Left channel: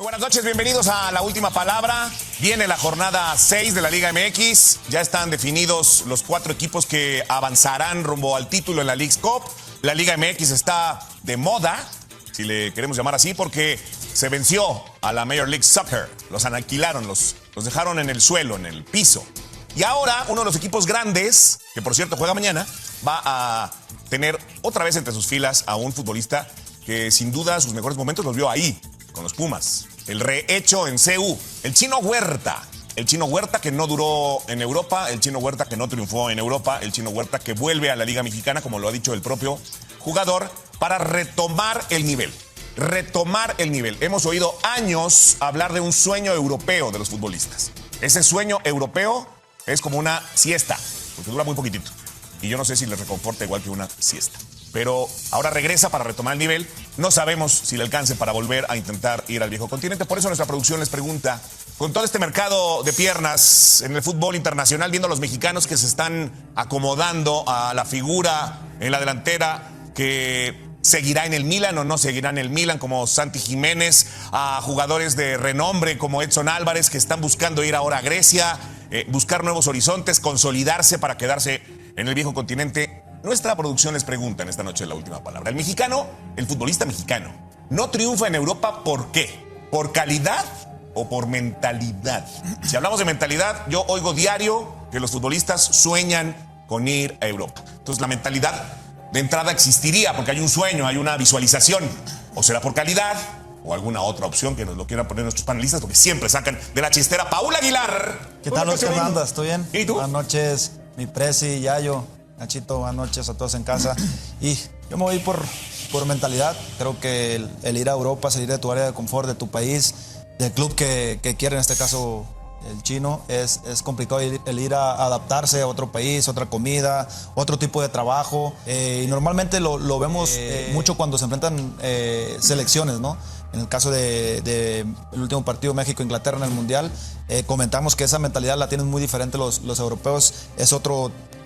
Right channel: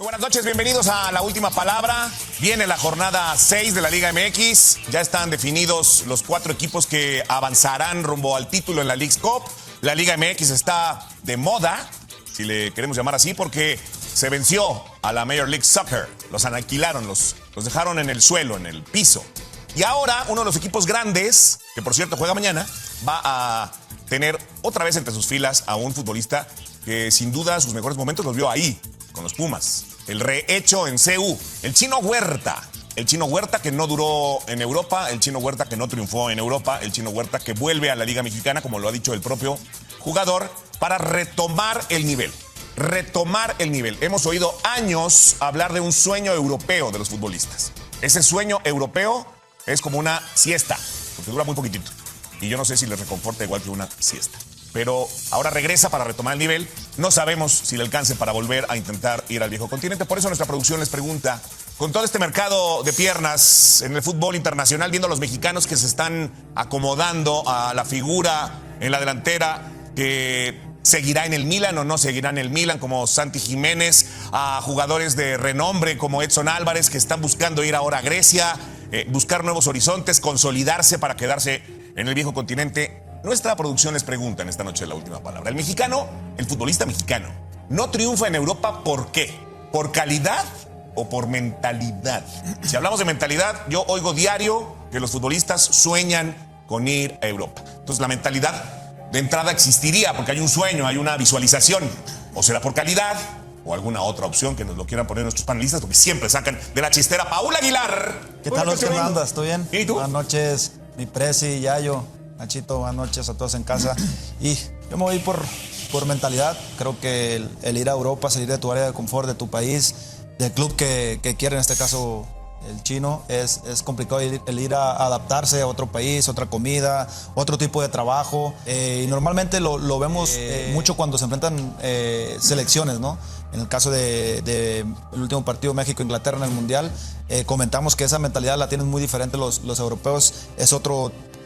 Muy buenas noches, bienvenidos a La Última Palabra. Viene la jornada 6 de la Liga MX. Ya están definidos los 4 equipos que avanzarán rumbo al título de la Leagues Cup. La Liga MX está de moda, si le queremos llamar así, porque se venció a la Major League Soccer. Los aniquilaron, los dejaron en el suelo, en el piso. Y ahora uno de los equipos grandes, que por cierto juega mañana, va a tener otra vez entre sus filas a un futbolista que sin duda sus mejores momentos los vio ahí, con los Pumas. El rehecho en CU, el Chino Huerta. El Chino Huerta que no duró en Europa, el Chino Huerta que no triunfó en Europa, el Chino Huerta que vuelve a la Liga Mexicana, como lo ha dicho el propio jugador, para retomar el nivel. Retomar el nivel. Hemos oído años hablar de un sueño europeo de los futbolistas. Ese sueño europeo es como una siesta, porque dura muy poquitito. Y yo no sé si les reconforta igual que una siesta. Pero ahora regresa para retomar el nivel. No sabemos si le alcance para volver a intentar ir al viejo continente. Por eso nuestra producción les pregunta, con todo este mercado de piernas en el fútbol internacional, viendo a los mexicanos que se están acomodando a la figura en la delantera, que seguirá en el Milan o no seguirá en el Milan, como Santi Jiménez, a jugadores de renombre como Edson Álvarez, que están buscando ir ahora a Grecia, buscar nuevos horizontes, consolidarse para quedarse en el viejo continente. Nuestra producción les pregunta en esta noche La Última Palabra. El mexicano, el futbolista mexicano, no triunfa en Europa, ¿por qué? ¿Por calidad o por mentalidad? Si hablamos de mentalidad, yo oigo diario que los futbolistas sueñan con ir a Europa. Entonces la mentalidad de entrada existiría porque hay un sueño, hay una visualización. O será por calidad o alguna otra opción que nos lo quieran poner nuestros panelistas, porque siempre sacan de la chistera. Paul Aguilar. ¿Qué tal, Oscar? ¿Cómo andas? ¿Estoy bien? ¿Y tú? Buenas noches, mi Presi, Yayo, Nachito, buenas noches a todos en casa. Y yo me voy por mentalidad. Creo que el ir a Europa, salir de tu área de confort, de tu país, del club que quiere, en este caso el Chino, es complicado el ir a adaptarse a otro país, otra comida, otro tipo de trabajo. Y normalmente lo vemos mucho cuando se enfrentan selecciones, ¿no? En el caso de el último partido México-Inglaterra en el Mundial, comentamos que esa mentalidad la tienen muy diferente los europeos. Es otra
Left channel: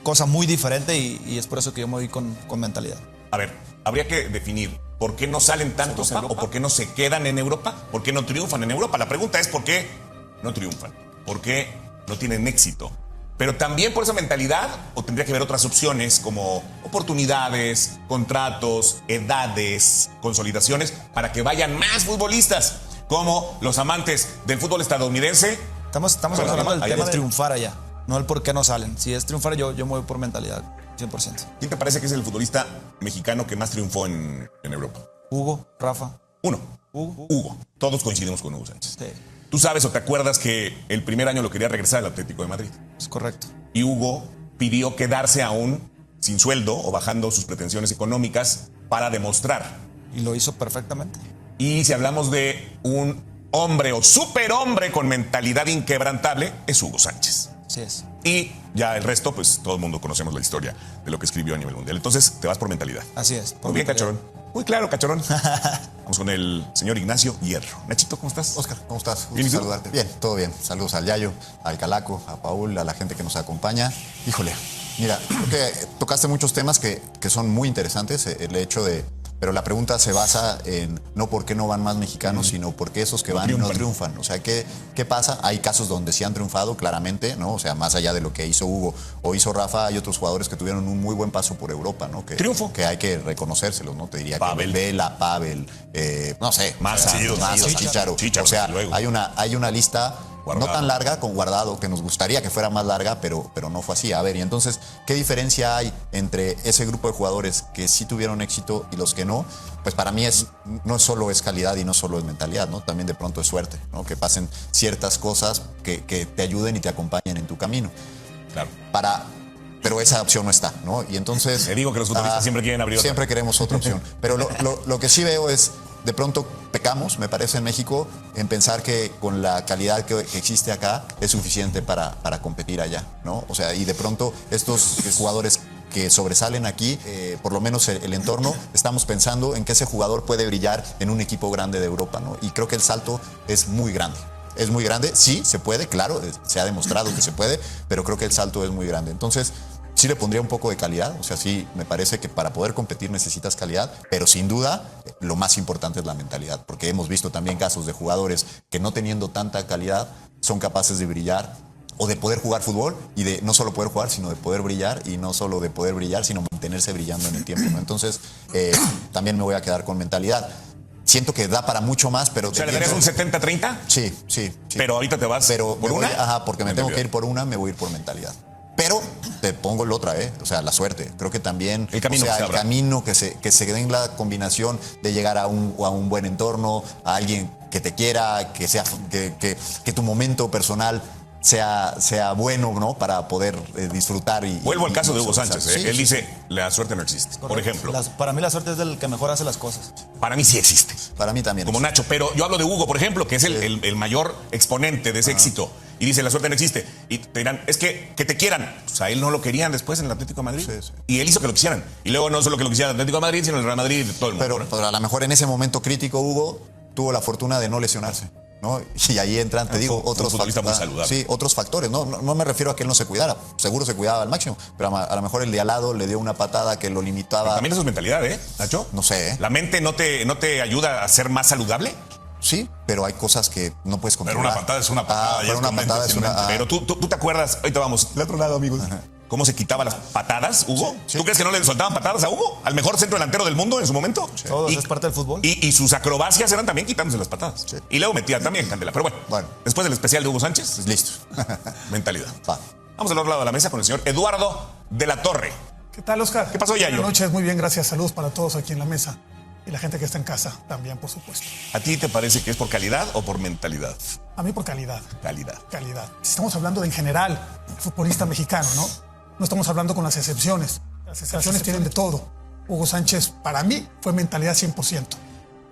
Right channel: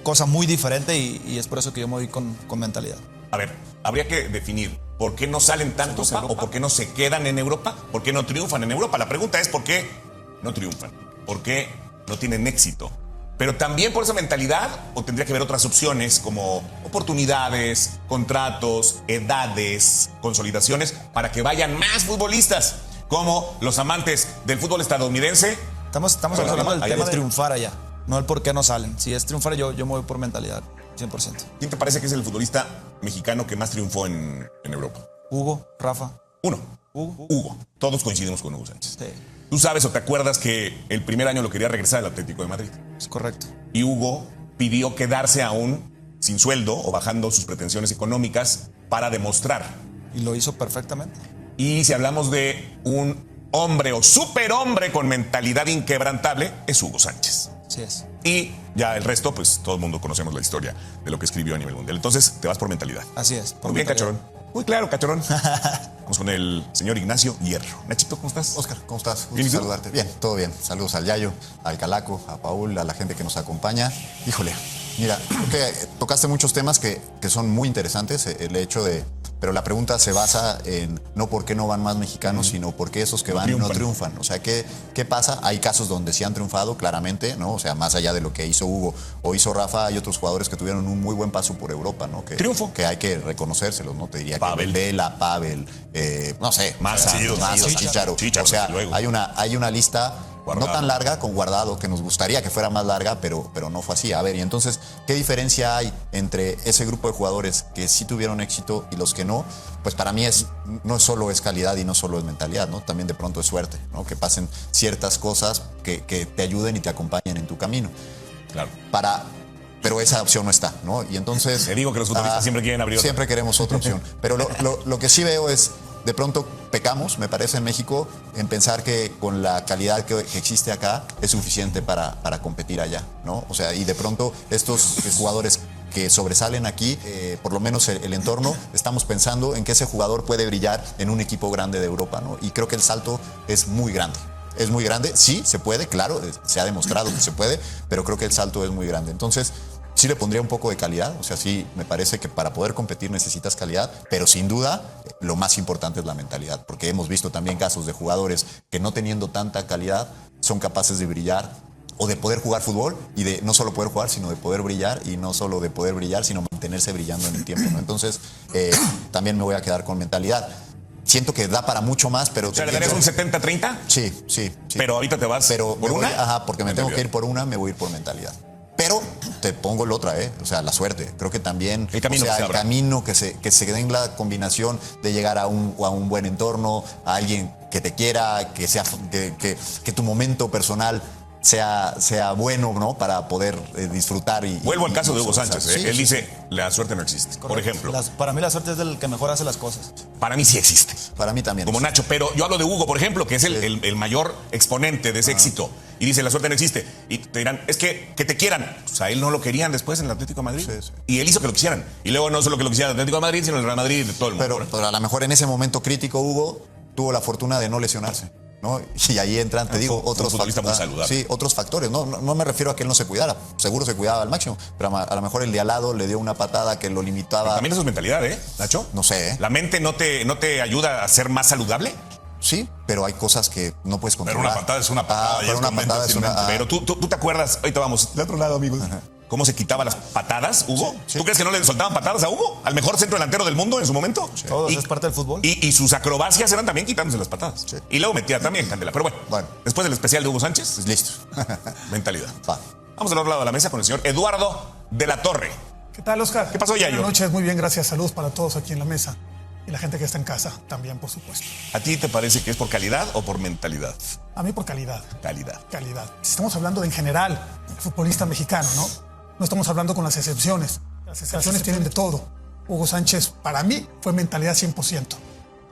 cosa muy diferente y es por eso que yo me voy con mentalidad. A ver, habría que definir por qué no salen tantos o por qué no se quedan en Europa, por qué no triunfan en Europa. La pregunta es por qué no triunfan, por qué no tienen éxito. Pero también por esa mentalidad, o tendría que haber otras opciones como oportunidades, contratos, edades, consolidaciones, para que vayan más futbolistas, como los amantes del fútbol estadounidense. Estamos hablando del tema de triunfar allá, no el por qué no salen. Si es triunfar, yo me voy por mentalidad, 100%. ¿Quién te parece que es el futbolista mexicano que más triunfó en Europa? Hugo, Rafa. Hugo. Todos coincidimos con Hugo Sánchez. Sí. ¿Tú sabes o te acuerdas que el primer año lo quería regresar al Atlético de Madrid? Es correcto. Y Hugo pidió quedarse aún sin sueldo o bajando sus pretensiones económicas para demostrar. Y lo hizo perfectamente. Y si hablamos de un hombre o superhombre con mentalidad inquebrantable, es Hugo Sánchez. Así es. Y ya el resto, pues todo el mundo conocemos la historia de lo que escribió a nivel mundial. Entonces, te vas por mentalidad. Así es. Muy bien, Cachorón. Muy claro, Cachorón. Vamos con el señor Ignacio Hierro. Nachito, ¿cómo estás? Oscar, ¿cómo estás? Bien, ¿y tú? Saludarte. Bien, todo bien. Saludos al Yayo, al Calaco, a Paul, a la gente que nos acompaña. Híjole, mira, creo que tocaste muchos temas que son muy interesantes. El hecho de... Pero la pregunta se basa en no por qué no van más mexicanos, sino por qué esos que van no triunfan. O sea, ¿qué pasa? Hay casos donde sí han triunfado claramente, ¿no? O sea, más allá de lo que hizo Hugo o hizo Rafa, hay otros jugadores que tuvieron un muy buen paso por Europa, ¿no? Triunfo. Que hay que reconocérselos, ¿no? Te diría Pavel. que Vela, Pavel, no sé. Massa, Chicharo. Chicharo, O sea, luego. hay una lista Guardado. no tan larga con Guardado, que nos gustaría que fuera más larga, pero no fue así. A ver, y entonces, ¿qué diferencia hay entre ese grupo de jugadores que sí tuvieron éxito y los que no? Pues para mí no solo es calidad y no solo es mentalidad, ¿no? También de pronto es suerte, ¿no? Que pasen ciertas cosas que te ayuden y te acompañen en tu camino. Claro. Pero esa opción no está, ¿no? Y entonces... Te digo que los futbolistas siempre quieren abrir. Siempre queremos otra opción. Pero lo que sí veo es, de pronto pecamos, me parece, en México, en pensar que con la calidad que existe acá es suficiente para competir allá, ¿no? O sea, y de pronto estos jugadores que sobresalen aquí, por lo menos en el entorno, estamos pensando en que ese jugador puede brillar en un equipo grande de Europa, ¿no? Y creo que el salto es muy grande. Es muy grande, sí, se puede, claro, se ha demostrado que se puede, pero creo que el salto es muy grande. Entonces, sí le pondría un poco de calidad. O sea, sí, me parece que para poder competir necesitas calidad, pero sin duda lo más importante es la mentalidad, porque hemos visto también casos de jugadores que no teniendo tanta calidad son capaces de brillar o de poder jugar fútbol y de no solo poder jugar, sino de poder brillar, y no solo de poder brillar, sino mantenerse brillando en el tiempo, ¿no? Entonces, también me voy a quedar con mentalidad. Siento que da para mucho más, pero... O sea, ¿le darías un 70-30? Sí. Pero ahorita te vas por una. Ajá, porque me tengo que ir por una, me voy a ir por mentalidad. Pero te pongo el otra, o sea, la suerte. Creo que también el camino, el camino que se den la combinación de llegar a un buen entorno, a alguien que te quiera, que tu momento personal sea bueno, ¿no? Para poder disfrutar. Vuelvo al caso de Hugo Sánchez. Sí, Él dice, la suerte no existe. Por ejemplo. Para mí la suerte es el que mejor hace las cosas. Para mí sí existe. Para mí también. Como Nacho. Pero yo hablo de Hugo, por ejemplo, que es el mayor exponente de ese éxito. Y dice, la suerte no existe. Y te dirán, es que te quieran. O sea, él no lo querían después en el Atlético de Madrid. Sí. Y él hizo que lo quisieran. Y luego no solo que lo quisieran el Atlético de Madrid, sino el Real Madrid y todo el mundo. Pero a lo mejor en ese momento crítico, Hugo tuvo la fortuna de no lesionarse, ¿no? Y ahí entran, te digo, otros factores. Sí, otros factores. No me refiero a que él no se cuidara. Seguro se cuidaba al máximo. Pero a lo mejor el de al lado le dio una patada que lo limitaba. Pero también eso es mentalidad, Nacho. No sé. ¿La mente no te ayuda a ser más saludable? Sí, pero hay cosas que no puedes Pero controlar. una patada es una patada. Pero una patada es una... Pero tú te acuerdas, ahorita vamos, de otro lado, amigos. ¿Cómo se quitaban las patadas, Hugo? Sí. ¿Tú crees que no le soltaban patadas a Hugo? ¿Al mejor centro delantero del mundo en su momento? Sí. Todo eso es parte del fútbol. Y sus acrobacias eran también quitándose las patadas. Sí. Y luego metía también Candela. Pero bueno, después del especial de Hugo Sánchez, pues listo. Mentalidad. Vamos al otro lado de la mesa con el señor Eduardo de la Torre. ¿Qué tal, Oscar? ¿Qué pasó, Yayo? Buenas noches, muy bien, gracias. Saludos para todos aquí en la mesa. Y la gente que está en casa también, por supuesto. ¿A ti te parece que es por calidad o por mentalidad? A mí por calidad. Calidad. Si estamos hablando en general, futbolista mexicano, ¿no? No estamos hablando con las excepciones. Las excepciones tienen de todo. Hugo Sánchez, para mí, fue mentalidad 100%.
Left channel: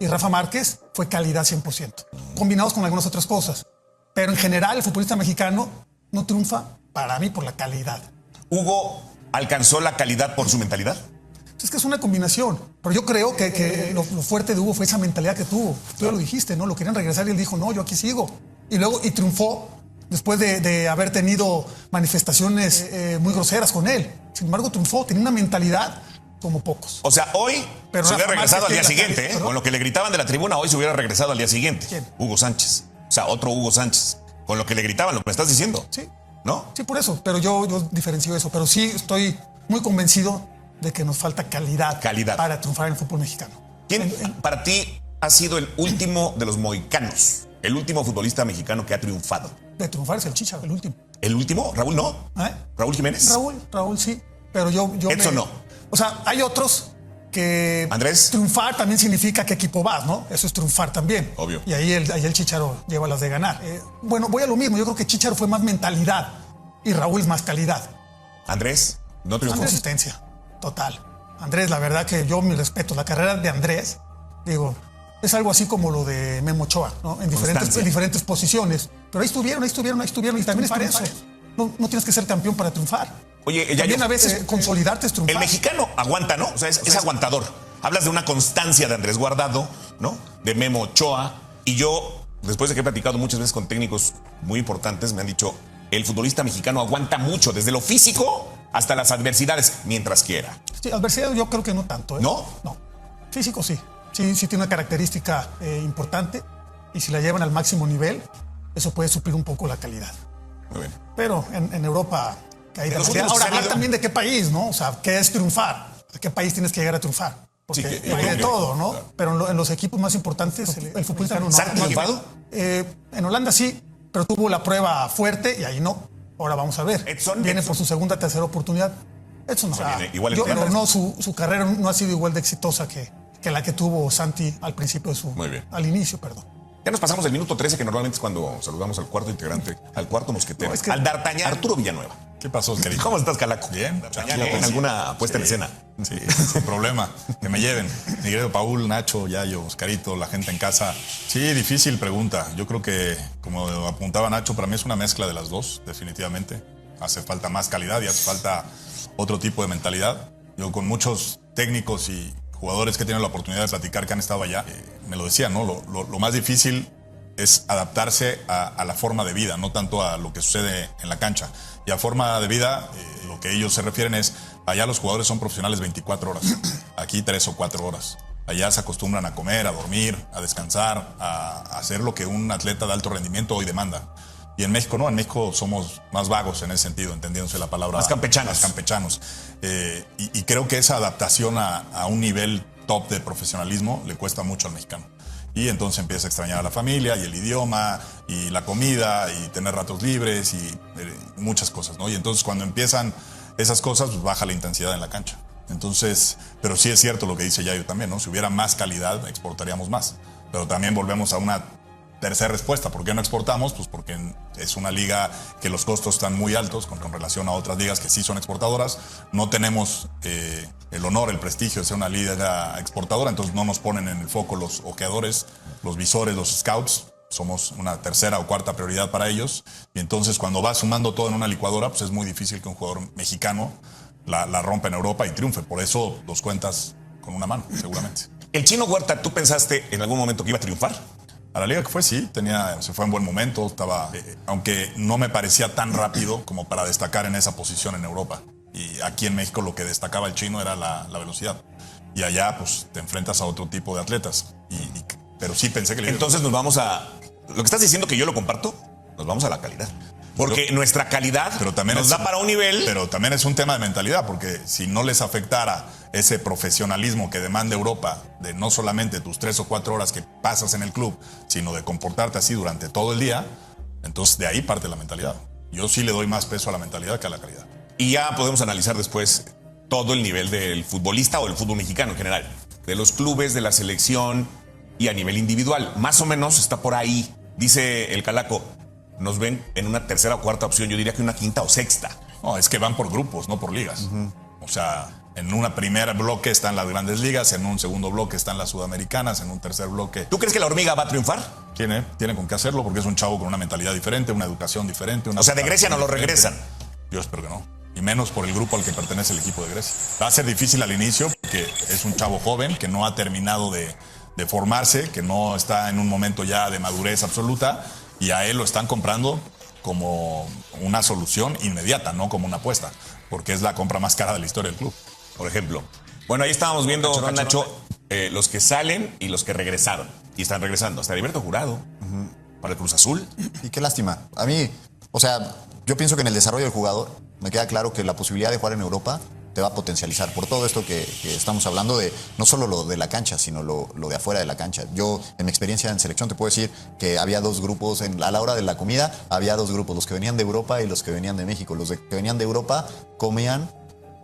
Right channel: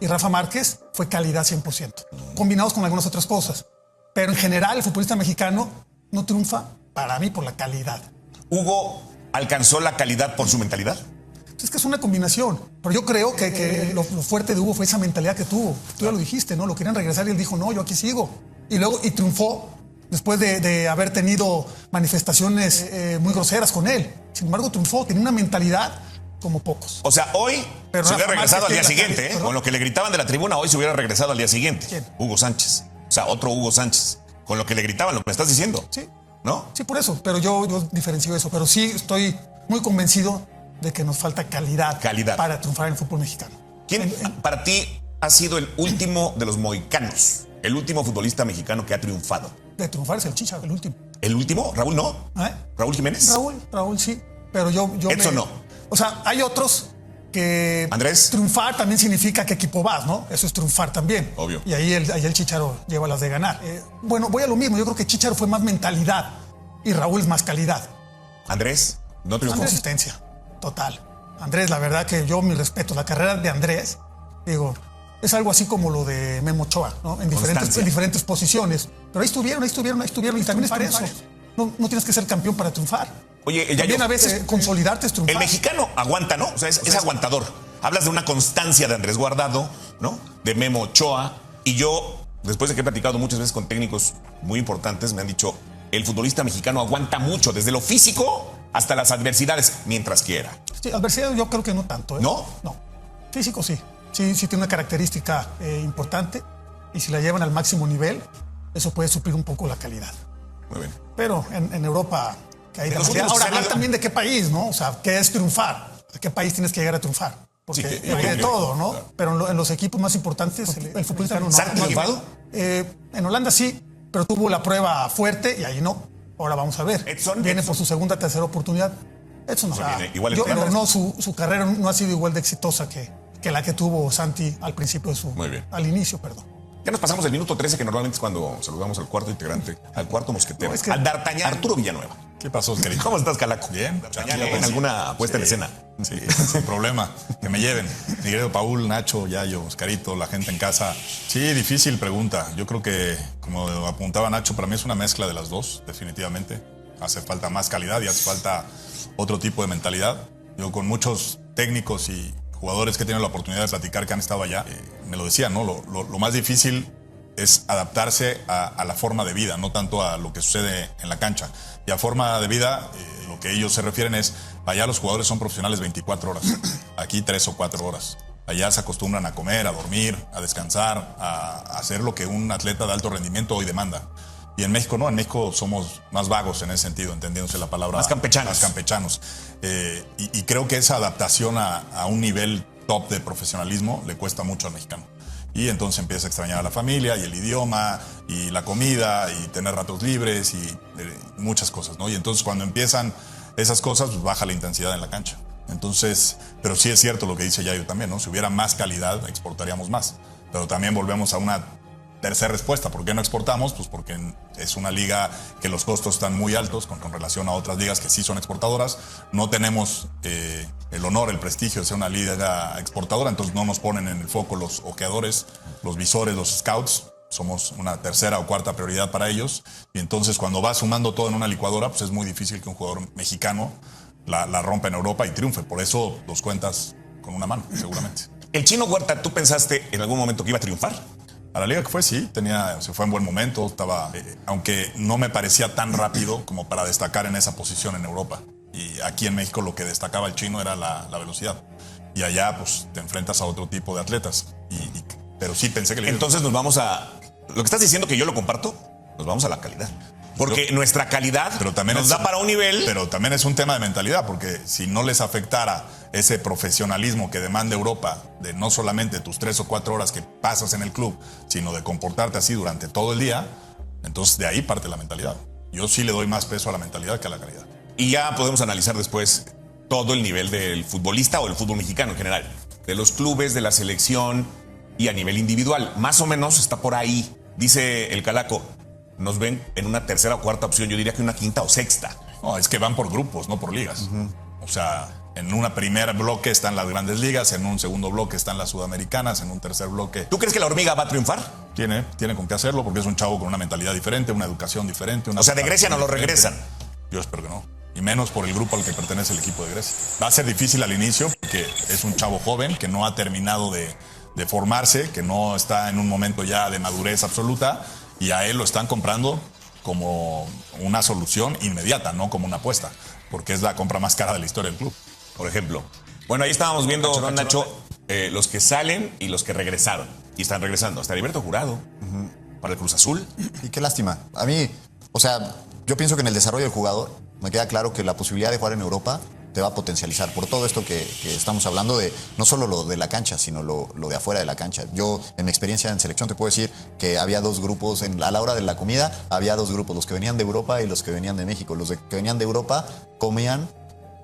Y Rafa Márquez fue calidad 100%. Combinados con algunas otras cosas. Pero en general, el futbolista mexicano no triunfa, para mí, por la calidad. ¿Hugo alcanzó la calidad por su mentalidad? Es que es una combinación. Pero yo creo que lo fuerte de Hugo fue esa mentalidad que tuvo. Tú ya lo dijiste, ¿no? Lo querían regresar y él dijo, no, yo aquí sigo. Y luego, triunfó después de haber tenido manifestaciones muy groseras con él. Sin embargo, triunfó, tenía una mentalidad como pocos. O sea, hoy se hubiera regresado al día siguiente, Con lo que le gritaban de la tribuna, hoy se hubiera regresado al día siguiente. ¿Quién? Hugo Sánchez. O sea, otro Hugo Sánchez. Con lo que le gritaban, lo que me estás diciendo. Sí. ¿No? Sí, por eso. Pero yo diferencio eso. Pero sí estoy muy convencido de que nos falta calidad. Para triunfar en el fútbol mexicano. ¿Quién para ti ha sido el último de los mohicanos? El último futbolista mexicano que ha triunfado. De triunfar es el Chicha, el último. ¿El último? ¿Raúl no? ¿Raúl Jiménez? Raúl sí. Pero yo Edson no. O sea, hay otros que... Andrés. Triunfar también significa qué equipo vas, ¿no? Eso es triunfar también. Obvio. Y ahí el Chicharo lleva las de ganar. Bueno, voy a lo mismo. Yo creo que Chicharo fue más mentalidad y Raúl es más calidad. Andrés, no te lo Consistencia. Total. Andrés, la verdad que yo mi respeto. La carrera de Andrés, digo, es algo así como lo de Memo Ochoa, ¿no? En diferentes posiciones. Pero ahí estuvieron. Y también es por eso. No tienes que ser campeón para triunfar. Oye, también a veces consolidarte es triunfar. El mexicano aguanta, ¿no? O sea, es aguantador. Hablas de una constancia de Andrés Guardado, ¿no? De Memo Ochoa. Y yo, después de que he platicado muchas veces con técnicos muy importantes, me han dicho, el futbolista mexicano aguanta mucho, desde lo físico hasta las adversidades, mientras quiera. Sí, adversidad yo creo que no tanto, ¿eh? ¿No? No. Físico sí. Sí tiene una característica importante. Y si la llevan al máximo nivel, eso puede suplir un poco la calidad. Muy bien. Pero en Europa... Ahora, hablar también de qué país, ¿no? O sea, ¿qué es triunfar? ¿A qué país tienes que llegar a triunfar? Porque hay de todo, ¿no? Claro. Pero en los equipos más importantes, el futbolista no ha triunfado. En Holanda sí, pero tuvo la prueba fuerte y ahí no. Ahora vamos a ver. Edson viene por su segunda, tercera oportunidad. Edson, o sea, igual su carrera no ha sido igual de exitosa que la que tuvo Santi al principio de su... Muy bien. Al inicio, perdón. Ya nos pasamos el minuto 13, que normalmente es cuando saludamos al cuarto integrante, al cuarto mosquetero. No, es que... Al D'Artagnan Arturo Villanueva. ¿Qué pasó, querido? ¿Cómo estás, Calaco? Bien, ¿Con alguna puesta en escena? Sí, sin problema. Que me lleven. Mi querido Paul, Nacho, Yayo, Oscarito, la gente en casa. Sí, difícil pregunta. Yo creo que, como apuntaba Nacho, para mí es una mezcla de las dos, definitivamente. Hace falta más calidad y hace falta otro tipo de mentalidad. Yo, con muchos técnicos y jugadores que tienen la oportunidad de platicar que han estado allá, me lo decían, ¿no? Lo más difícil es adaptarse a la forma de vida, no tanto a lo que sucede en la cancha. Y a forma de vida, que ellos se refieren es, allá los jugadores son profesionales 24 horas, aquí 3 o 4 horas. Allá se acostumbran a comer, a dormir, a descansar, a hacer lo que un atleta de alto rendimiento hoy demanda. Y en México no, en México somos más vagos en ese sentido, entendiéndose la palabra. Más campechanos. Más campechanos. Y creo que esa adaptación a un nivel top de profesionalismo le cuesta mucho al mexicano. Y entonces empieza a extrañar a la familia y el idioma y la comida y tener ratos libres y muchas cosas, ¿no? Y entonces cuando empiezan esas cosas, pues baja la intensidad en la cancha. Entonces, pero sí es cierto lo que dice Yayo también, ¿no? Si hubiera más calidad, exportaríamos más. Pero también volvemos a una tercera respuesta. ¿Por qué no exportamos? Pues porque es una liga que los costos están muy altos con relación a otras ligas que sí son exportadoras. No tenemos el honor, el prestigio de ser una liga exportadora, entonces no nos ponen en el foco los ojeadores, los visores, los scouts. Somos una tercera o cuarta prioridad para ellos. Y entonces cuando vas sumando todo en una licuadora, pues es muy difícil que un jugador mexicano la rompa en Europa y triunfe. Por eso los cuentas con una mano, seguramente. El Chino Huerta, ¿tú pensaste en algún momento que iba a triunfar? A la liga que fue, sí, se fue en buen momento, estaba, aunque no me parecía tan rápido como para destacar en esa posición en Europa. Y aquí en México lo que destacaba el Chino era la velocidad. Y allá, pues, te enfrentas a otro tipo de atletas. Pero sí pensé que... Entonces nos vamos a... Lo que estás diciendo que yo lo comparto, nos vamos a la calidad. Porque nuestra calidad pero también nos da para un nivel... Pero también es un tema de mentalidad, porque si no les afectara ese profesionalismo que demanda Europa, de no solamente tus 3 o 4 horas que pasas en el club, sino de comportarte así durante todo el día, entonces de ahí parte la mentalidad. Yo sí le doy más peso a la mentalidad que a la calidad. Y ya podemos analizar después todo el nivel del futbolista o del fútbol mexicano en general. De los clubes, de la selección y a nivel individual. Más o menos está por ahí. Dice el Calaco, nos ven en una tercera o cuarta opción, yo diría que una quinta o sexta. No, es que van por grupos, no por ligas. O sea, en un primer bloque están las grandes ligas, en un segundo bloque están las sudamericanas, en un tercer bloque... ¿Tú crees que la hormiga va a triunfar? Tiene con qué hacerlo, porque es un chavo con una mentalidad diferente, una educación diferente. O sea, de Grecia no lo regresan. Yo espero que no. Y menos por el grupo al que pertenece el equipo de Grecia. Va a ser difícil al inicio, porque es un chavo joven que no ha terminado de formarse, que no está en un momento ya de madurez absoluta, y a él lo están comprando como una solución inmediata, no como una apuesta, porque es la compra más cara de la historia del club. Por ejemplo. Bueno, ahí estábamos viendo, Cachorro, Nacho, los que salen y los que regresaron. Y están regresando. Hasta Heriberto Jurado para el Cruz Azul. Y qué lástima. A mí, o sea, yo pienso que en el desarrollo del jugador me queda claro que la posibilidad de jugar en Europa te va a potencializar por todo esto que estamos hablando de no solo lo de la cancha, sino lo de afuera de la cancha. Yo, en mi experiencia en selección, te puedo decir que había dos grupos a la hora de la comida, había dos grupos, los que venían de Europa y los que venían de México. Los que venían de Europa comían,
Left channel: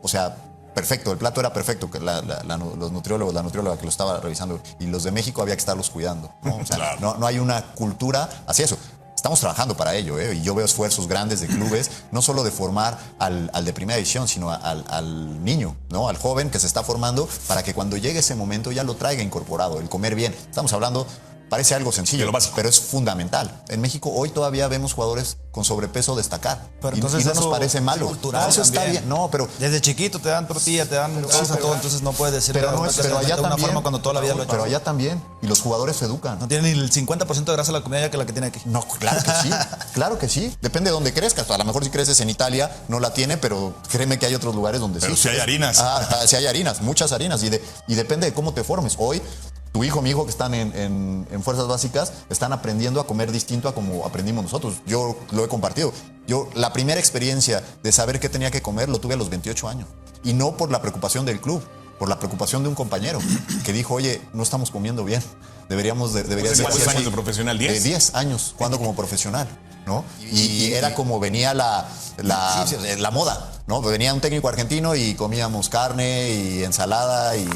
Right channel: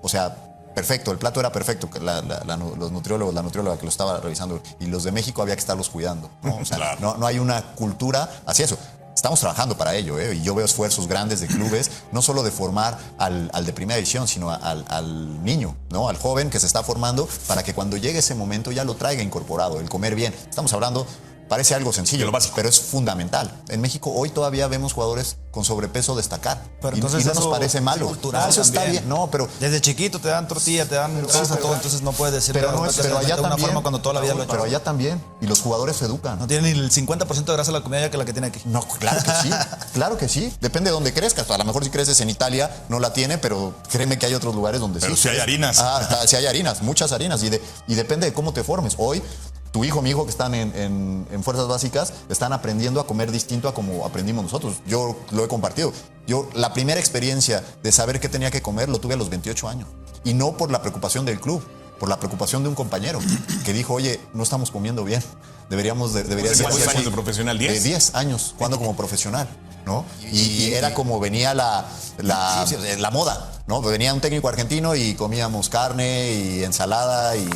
o sea, perfecto, el plato era perfecto, que los nutriólogos, la nutrióloga que lo estaba revisando, y los de México había que estarnos cuidando, ¿no? O sea, Claro. no hay una cultura hacia eso. Estamos trabajando para ello, y yo veo esfuerzos grandes de clubes, no solo de formar al de primera división, sino al niño, ¿no? Al joven que se está formando, para que cuando llegue ese momento ya lo traiga incorporado, el comer bien. Estamos hablando, parece algo sencillo, lo básico. pero es fundamental. En México hoy todavía vemos jugadores con sobrepeso destacar. Pero Y entonces no nos eso parece malo. es cultural No, eso está también. bien. No, pero Desde chiquito te dan tortilla, te dan todo, entonces no puedes decir pero no es, pero allá de una también. forma cuando toda la vida lo he hecho. Pero allá también. Y los jugadores se educan. No tiene ni el 50% de grasa la comida ya que la que tiene aquí. No, claro que sí, claro que sí. Depende de dónde crezcas. A lo mejor si creces en Italia no la tiene, pero créeme que hay otros lugares donde Pero sí. sí hay harinas. Sí hay harinas, muchas harinas. Y depende de cómo te formes. Hoy, tu hijo, mi hijo que están en fuerzas básicas, están aprendiendo a comer distinto a como aprendimos nosotros. Yo lo he compartido. Yo la primera experiencia de saber qué tenía que comer lo tuve a los 28 años. Y no por la preocupación del club, por la preocupación de un compañero que dijo, oye, no estamos comiendo bien. Deberíamos ¿Cuántos ser años así. de profesional? ¿10? 10 años, jugando como profesional, ¿no? Y era como venía la moda, ¿no? Venía un técnico argentino y comíamos carne y ensalada y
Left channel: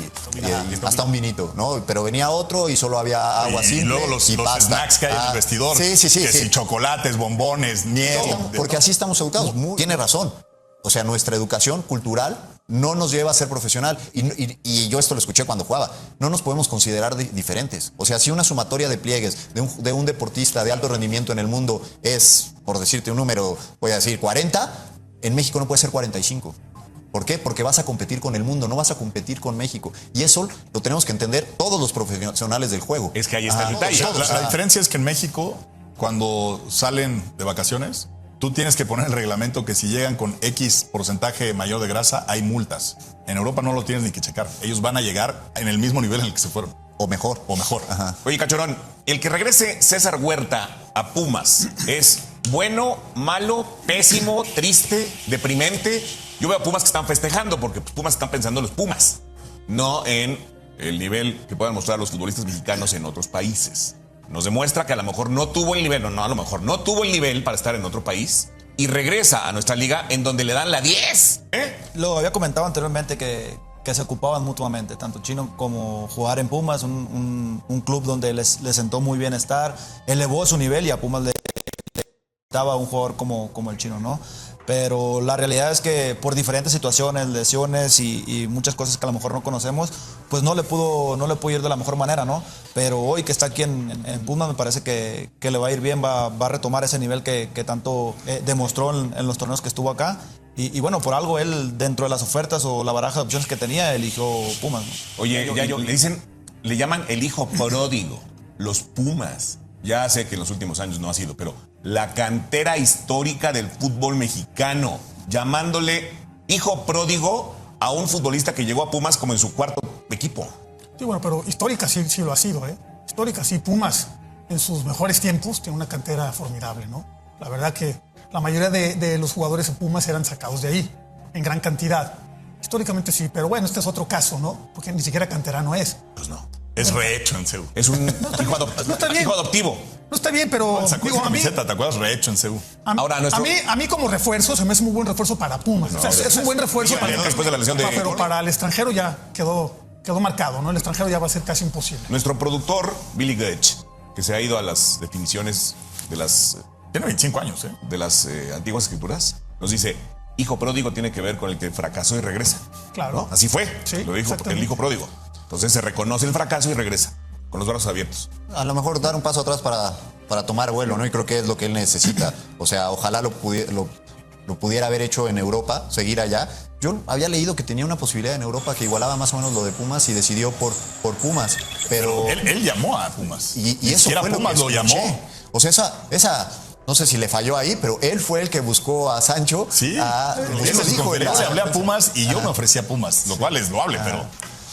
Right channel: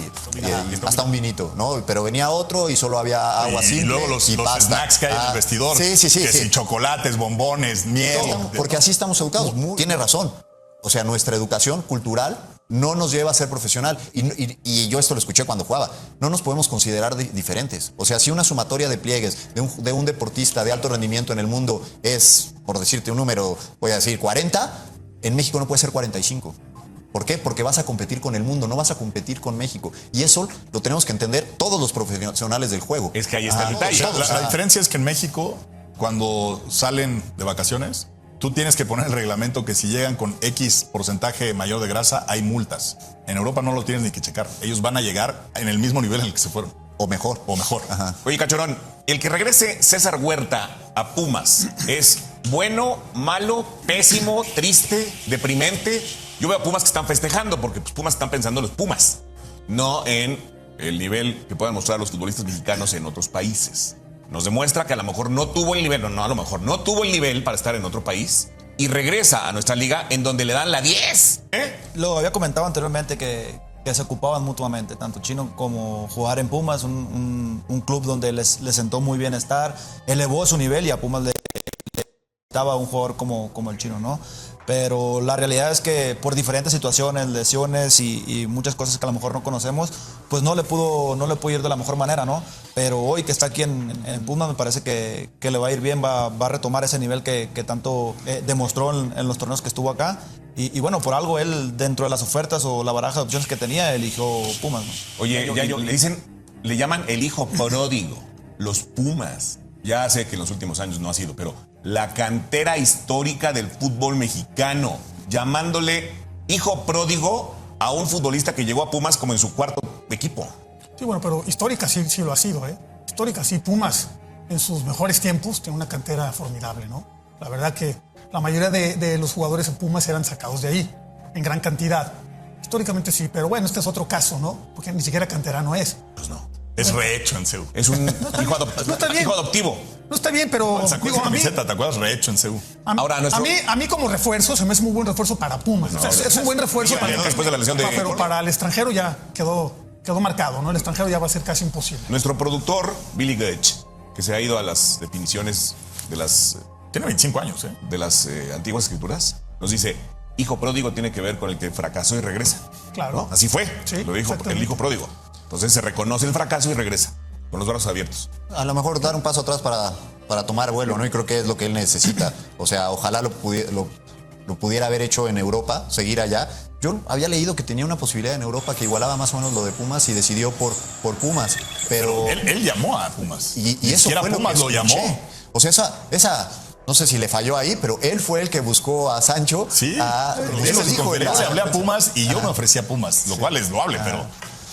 hasta un vinito, ¿no? Pero venía otro y solo había agua Y simple luego los pasta. snacks que hay en el vestidor. Sí. Que si chocolates, bombones, miel. Porque así estamos educados. Tiene razón. O sea, nuestra educación cultural no nos lleva a ser profesional. Y yo esto lo escuché cuando jugaba. No nos podemos considerar diferentes. O sea, si una sumatoria de pliegues de un deportista de alto rendimiento en el mundo es, por decirte un número, voy a decir 40, en México no puede ser 45. ¿Por qué? Porque vas a competir con el mundo, no vas a competir con México. Y eso lo tenemos que entender todos los profesionales del juego. Es que ahí está el todos, detalle. todos. La diferencia es que en México, cuando salen de vacaciones, tú tienes que poner el reglamento que si llegan con X porcentaje mayor de grasa, hay multas. En Europa no lo tienes ni que checar. Ellos van a llegar en el mismo nivel en el que se fueron. O mejor. O mejor. Ajá. Oye, Cachorón, el que regrese César Huerta a Pumas, ¿es bueno, malo, pésimo, triste, deprimente? Yo veo a Pumas que están festejando porque pues, Pumas están pensando en los Pumas, no en el nivel que puedan mostrar los futbolistas mexicanos en otros países. Nos demuestra que a lo mejor no tuvo el nivel, no, a lo mejor no tuvo el nivel para estar en otro país y regresa a nuestra liga en donde le dan la 10. Lo había comentado anteriormente que se ocupaban mutuamente, tanto Chino como jugar en Pumas, un club donde les sentó muy bien estar, elevó su nivel y a Pumas le daba un jugador como el Chino, ¿no? Pero la realidad es que por diferentes situaciones, lesiones y muchas cosas que a lo mejor no conocemos, pues no le pudo ir de la mejor manera, ¿no? Pero hoy que está aquí en Pumas me parece que le va a ir bien, va a retomar ese nivel que tanto demostró en los torneos que estuvo acá. Y bueno, por algo él, dentro de las ofertas o la baraja de opciones que tenía, eligió Pumas, ¿no? Oye, le llaman el hijo pródigo, los Pumas. Ya sé que en los últimos años no ha sido, pero la cantera histórica del fútbol mexicano, llamándole hijo pródigo a un futbolista que llegó a Pumas como en su cuarto equipo. Sí, bueno, pero histórica sí lo ha sido, ¿eh? Histórica sí. Pumas, en sus mejores tiempos, tiene una cantera formidable, ¿no? La verdad que la mayoría de los jugadores en Pumas eran sacados de ahí, en gran cantidad. Históricamente sí, pero bueno, este es otro caso, ¿no? Porque ni siquiera canterano es. Pues no. Es rehecho en CEU. Es un está bien. hijo adoptivo. No está bien, pero... Sacó esa camiseta, ¿te acuerdas? Rehecho en CEU. Ahora, a mí como refuerzo, se me hace muy buen refuerzo para Pumas. O sea, es un buen refuerzo para... Después de la lesión de... Pero para el extranjero ya quedó marcado, ¿no? El extranjero ya va a ser casi imposible. Nuestro productor, Billy Goetsch, que se ha ido a las definiciones de las... Tiene 25 años, ¿eh? de las antiguas escrituras, nos dice, hijo pródigo tiene que ver con el que fracasó y regresa. Claro. ¿No? Así fue, Sí, lo dijo exactamente. el hijo pródigo. Entonces se reconoce el fracaso y regresa, con los brazos abiertos. A lo mejor dar un paso atrás para tomar vuelo, ¿no? Y creo que es lo que él necesita. O sea, ojalá lo pudiera haber hecho en Europa, seguir allá. Yo había leído que tenía una posibilidad en Europa que igualaba más o menos lo de Pumas y decidió por Pumas. Pero... Él llamó a Pumas. Y eso Si era fue lo Pumas, que lo escuché. llamó. O sea, esa no sé si le falló ahí, pero él fue el que buscó a Sancho. Sí. Lo En esa dijo, conferencia ¿verdad? hablé a Pumas y yo me ofrecí a Pumas, lo cual es loable, pero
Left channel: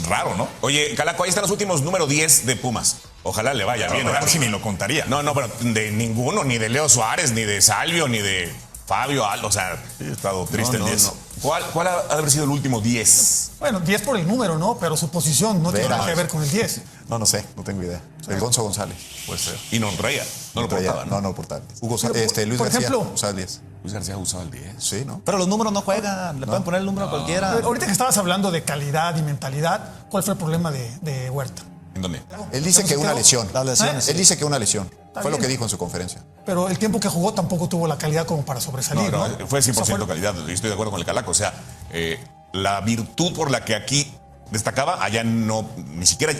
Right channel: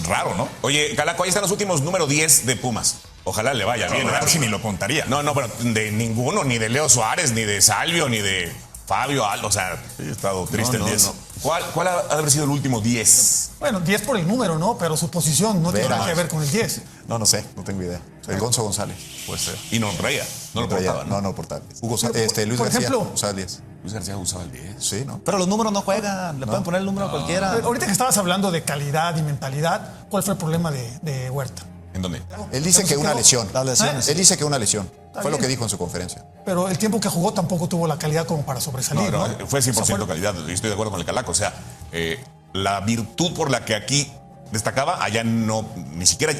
raro, ¿no? Oye, Calaco, ahí están los últimos número 10 de Pumas. Ojalá le vaya bien. Casi ni lo contaría. No, pero de ninguno, ni de Leo Suárez, ni de Salvio, ni de Fabio Aldo, o sea... Sí, he estado triste el 10. ¿Cuál ha haber sido el último 10? Bueno, 10 por el número, ¿no? Pero su posición no tiene nada que ver con el 10. No sé, no tengo idea. Alfonso González. Puede ser. Y no lo traía. No lo traía. No, portal. Hugo Luis por García, ejemplo, usaba el 10. Luis García usaba el 10. Sí, ¿no? Pero los números no juegan, le pueden poner el número a cualquiera. Ahorita que estabas hablando de calidad y mentalidad, ¿cuál fue el problema de Huerta? ¿En dónde? Él dice que una lesión. Las lesiones. Él dice que una lesión. Fue bien. lo que dijo en su conferencia. Pero el tiempo que jugó tampoco tuvo la calidad como para sobresalir, ¿no? Fue 100% calidad. Yo estoy de acuerdo con el Calaco. O sea, la virtud por la que aquí destacaba, allá no, ni siquiera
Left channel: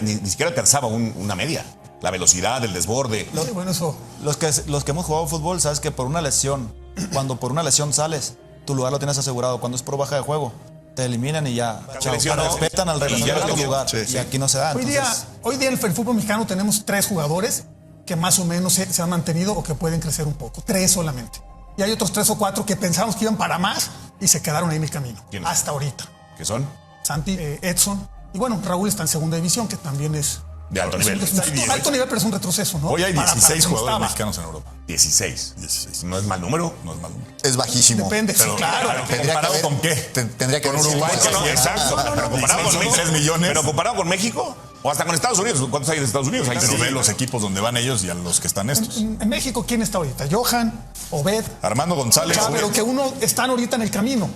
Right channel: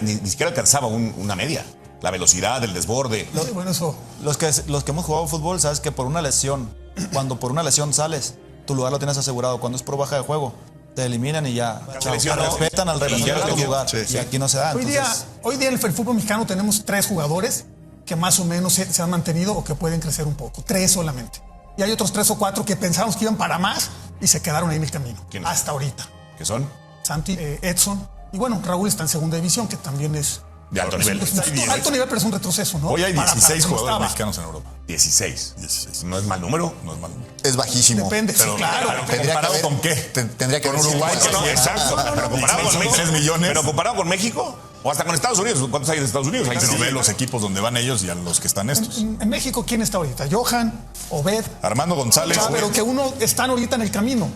alcanzaba una media. La velocidad, el desborde. Sí, bueno, eso. Los que hemos jugado fútbol, sabes que por una lesión, cuando por una lesión sales, tu lugar no tienes asegurado. Cuando es por baja de juego, te eliminan y ya. Respetan al reglamento tu lugar. Y aquí no se da. Hoy día en el fútbol mexicano tenemos 3 jugadores que más o menos se han mantenido o que pueden crecer un poco. 3 solamente. Y hay otros 3 o 4 que pensamos que iban para más y se quedaron ahí en el camino. ¿Quién? Hasta ahorita. ¿Qué son? Santi, Edson. Y bueno, Raúl está en segunda división, que también es... De alto nivel. Alto nivel, pero es un retroceso, ¿no? Hoy hay 16 Para jugadores estaba. mexicanos en Europa. 16. 16. No es mal número. No es mal número. Es bajísimo. Depende, sí, claro. ¿Comparado con qué? Tendría que haber un uruguayo. Exacto. Pero comparado Son con 3 millones. Pero comparado con México o hasta con Estados Unidos. ¿Cuántos hay de Estados Unidos? Pero ve los equipos donde van ellos y a los que están estos. En México, ¿quién está ahorita? Johan, Obed, Armando González. pero que uno están ahorita en el camino.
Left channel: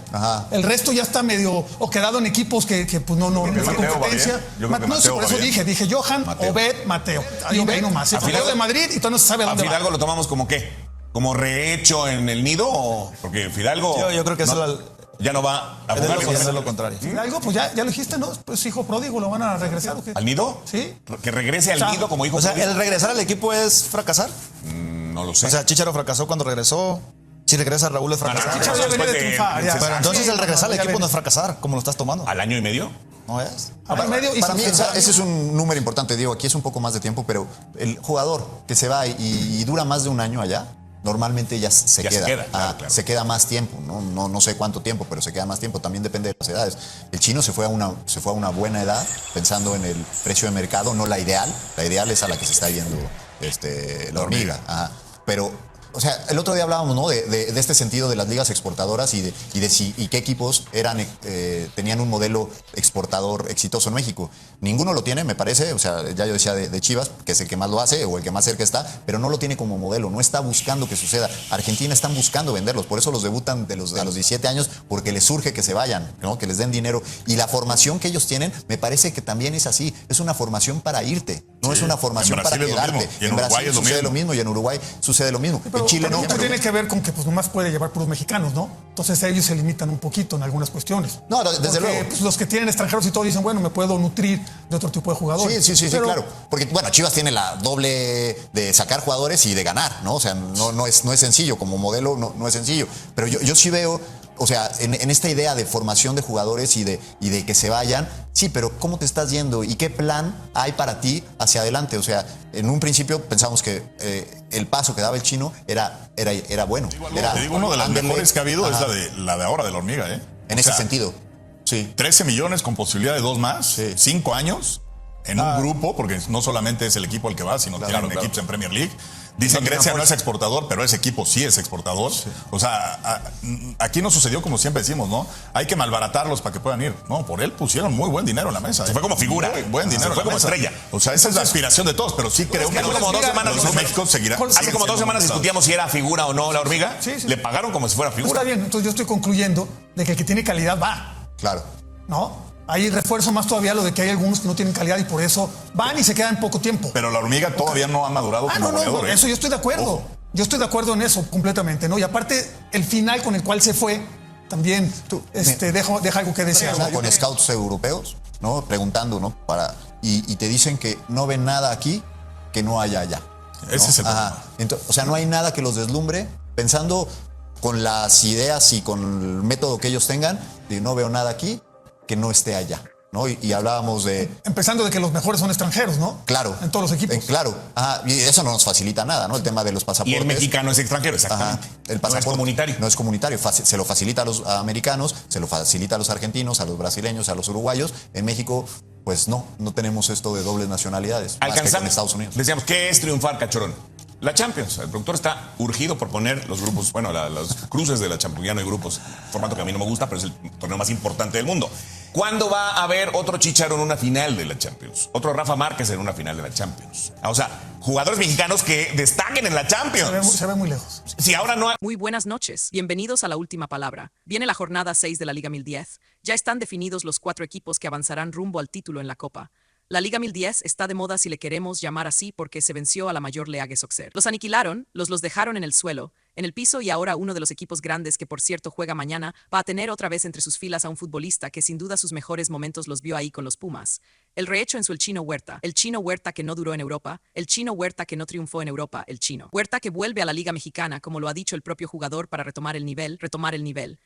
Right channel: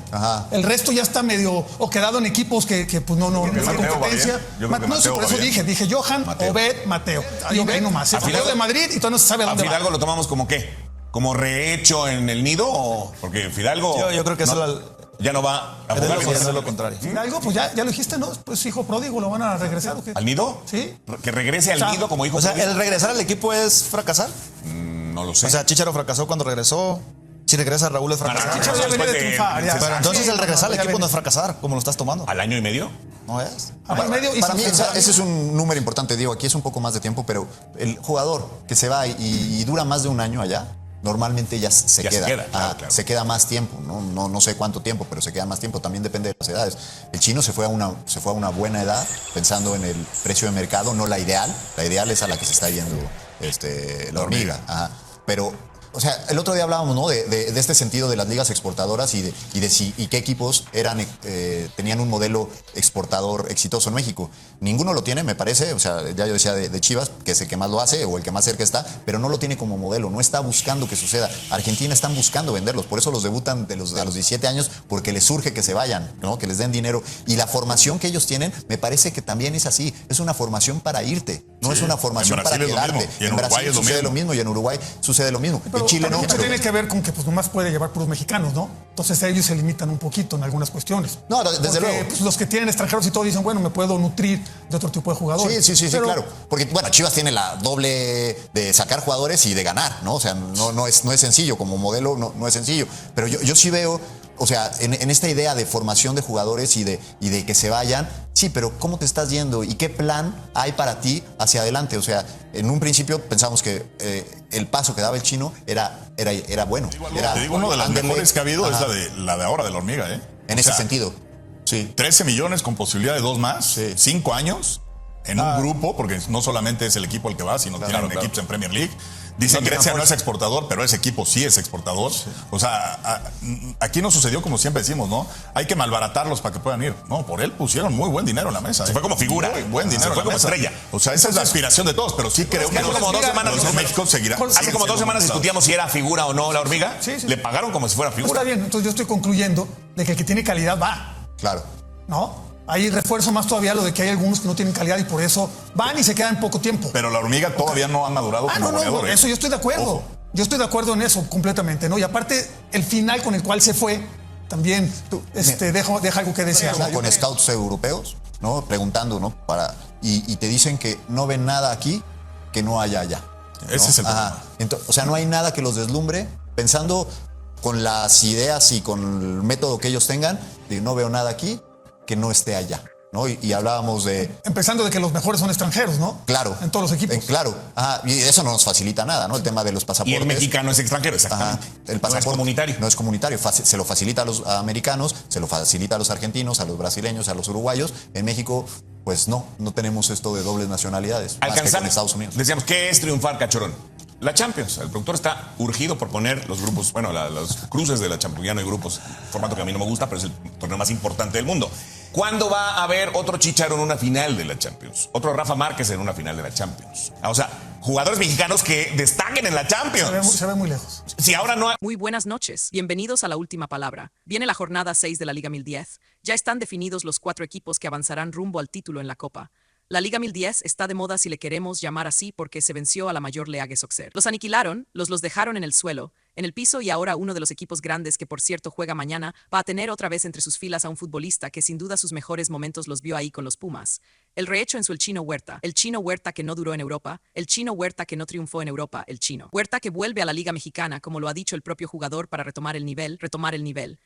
El resto ya está medio o quedado en equipos que pues no esa Mateo, competencia. yo creo que No sé, Mateo, por eso Javier. dije Johan, Obed, Mateo. Ahí nomás. Se salió de Madrid y entonces no se sabe ¿A dónde va. Fidalgo lo tomamos como qué? ¿Como rehecho en el nido? Porque Fidalgo Yo creo que ya no va a debe jugar ser lo contrario. Fidalgo, pues ya lo dijiste, ¿no? Pues hijo pródigo, ¿lo van a regresar o qué? al nido. Sí. Que regrese al nido como hijo. O sea, el regresar al equipo es fracasar. No lo sé. O sea, Chicharo fracasó cuando regresó. Si regresa Raúl es fracasar. Chicharo ya venía de triunfar. ya. Pero entonces Sí, el regresar al ya equipo no venía. es fracasar, como lo estás tomando. ¿Al año y medio? No es. Al medio y Para mí, se- ese es un número importante, digo, aquí es un poco más de tiempo, pero el jugador que se va y dura más de un año allá, normalmente ya se Ya se queda. queda, claro, claro. Se queda más tiempo, no sé cuánto tiempo, pero se queda más tiempo. También depende de las edades. El chino se fue a una buena edad, pensando en el precio de mercado, no la ideal. La ideal es a la que se está yendo la hormiga. Ajá. Pero, o sea, el otro día hablábamos, ¿no? De este sentido de las ligas exportadoras y qué equipos tenían un modelo exportador exitoso en México. Ninguno lo tiene, me parece. O sea, ya yo decía de Chivas, que es el que más lo hace o el que más cerca está, pero no lo tiene como modelo, no está buscando que suceda. Argentina están buscando venderlos, por eso los debutan a los 17 años, porque les surge que se vayan, ¿no? Que les den dinero. Y la formación que ellos tienen, me parece que también es así. Es una formación para irte, no es una formación En para Brasil es lo quedarte. mismo, y en En Uruguay Brasil es lo sucede mismo. lo mismo y en Uruguay sucede lo mismo. En Chile no. Mucho pero- tiene que ver con que pues nomás puede llevar puros mexicanos, ¿no? Entonces ellos se limitan un poquito en algunas cuestiones. No, desde Porque, luego. pues, los que tienen extranjeros y todo dicen, bueno, me puedo nutrir de otro tipo de jugadores. Sí, Pero, claro. Porque, bueno, Chivas tiene la doble de sacar jugadores y de ganar, ¿no? O sea, no es sencillo, como modelo no es sencillo. Pero yo sí veo, o sea, en esta idea de formación de jugadores y de que se vayan, sí, pero ¿cómo te estás yendo? ¿Y qué plan hay para ti hacia adelante? O sea, en un principio pensamos que el paso que daba el chino era bueno. Te digo, una de las mejores que ha habido Ajá. es la de ahora de la hormiga, ¿eh? En O ese sea, sentido. Sí. 13 millones con posibilidad de 2 más, Sí. 5 años en un grupo, porque no solamente es el equipo el que va, sino tienen equipos en Premier League. Dicen que Grecia no es exportador, pero ese equipo sí es exportador. O sea, aquí no sucedió como siempre decimos, ¿no? Hay que malbaratarlos para que puedan ir. No, por él pusieron muy buen dinero en la mesa. Se fue como figura. Muy buen dinero. Se fue en la como mesa. estrella. O sea, esa es la aspiración de todos, pero sí creo que hace como 2 semanas los dijimos, México seguirá. Hace como 2 semanas discutíamos si era figura o no la hormiga. Le pagaron como si fuera está figura. bien, entonces yo estoy concluyendo de que el que tiene calidad va, Claro. ¿no? Ahí refuerzo más todavía lo de que hay algunos que no tienen calidad y por eso van y se quedan poco tiempo. Pero la hormiga todavía no ha madurado como No, goleador, ¿eh? eso yo estoy de acuerdo. Yo estoy de acuerdo en eso completamente, ¿no? Y aparte, el final con el cual se fue también deja algo que desear. Ya con scouts europeos, ¿no? Preguntando, ¿no? Y te dicen que no ven nada aquí que no haya allá. Ese es el problema. Entonces, o sea, no hay nada que los deslumbre pensando con las ideas y con el método que ellos tengan, de no veo nada aquí que no esté allá, ¿no? Y hablábamos de, Empezando de que los mejores son extranjeros, ¿no? claro. En todos los equipos. Claro. Y eso no nos facilita nada, ¿no? El tema de los Y pasaportes. el mexicano es extranjero, Ajá. exactamente. El No pasaporte es comunitario. No es comunitario. Se lo facilita a los americanos, se lo facilita a los argentinos, a los brasileños, a los uruguayos. En México, pues no tenemos esto de dobles nacionalidades. Más que en Alcanzamos. Estados Unidos. Decíamos, ¿qué es triunfar, Cachorón? La Champions. El productor está urgido por poner los grupos, bueno, los cruces de la Champions. Ya no hay grupos, formato que a mí no me gusta, pero es el torneo más importante del mundo. ¿Cuándo va a haber otro Chicharo en una final de la Champions? Otro Rafa Márquez en una final de la Champions. O sea, jugadores mexicanos que destaquen en la Champions. Se ve muy lejos. Si ahora no hay... Muy buenas noches, bienvenidos a la última palabra. Viene la jornada 6 de la Liga 1010. Ya están definidos los 4 equipos que avanzarán rumbo al título en la Copa. La Liga 1010 está de moda si le queremos llamar así porque se venció a la mayor League Soccer. Los aniquilaron, los dejaron en el suelo, en el piso y ahora uno de los equipos grandes que por cierto juega mañana va a tener otra vez entre sus filas a un futbolista que sin duda sus mejores momentos los vio ahí con los Pumas. El rehecho en su el Chino Huerta que no duró en Europa, el Chino Huerta que no triunfó en Europa, el Chino Huerta que vuelve a la Liga Mexicana como lo ha dicho el propio jugador para retomar el nivel.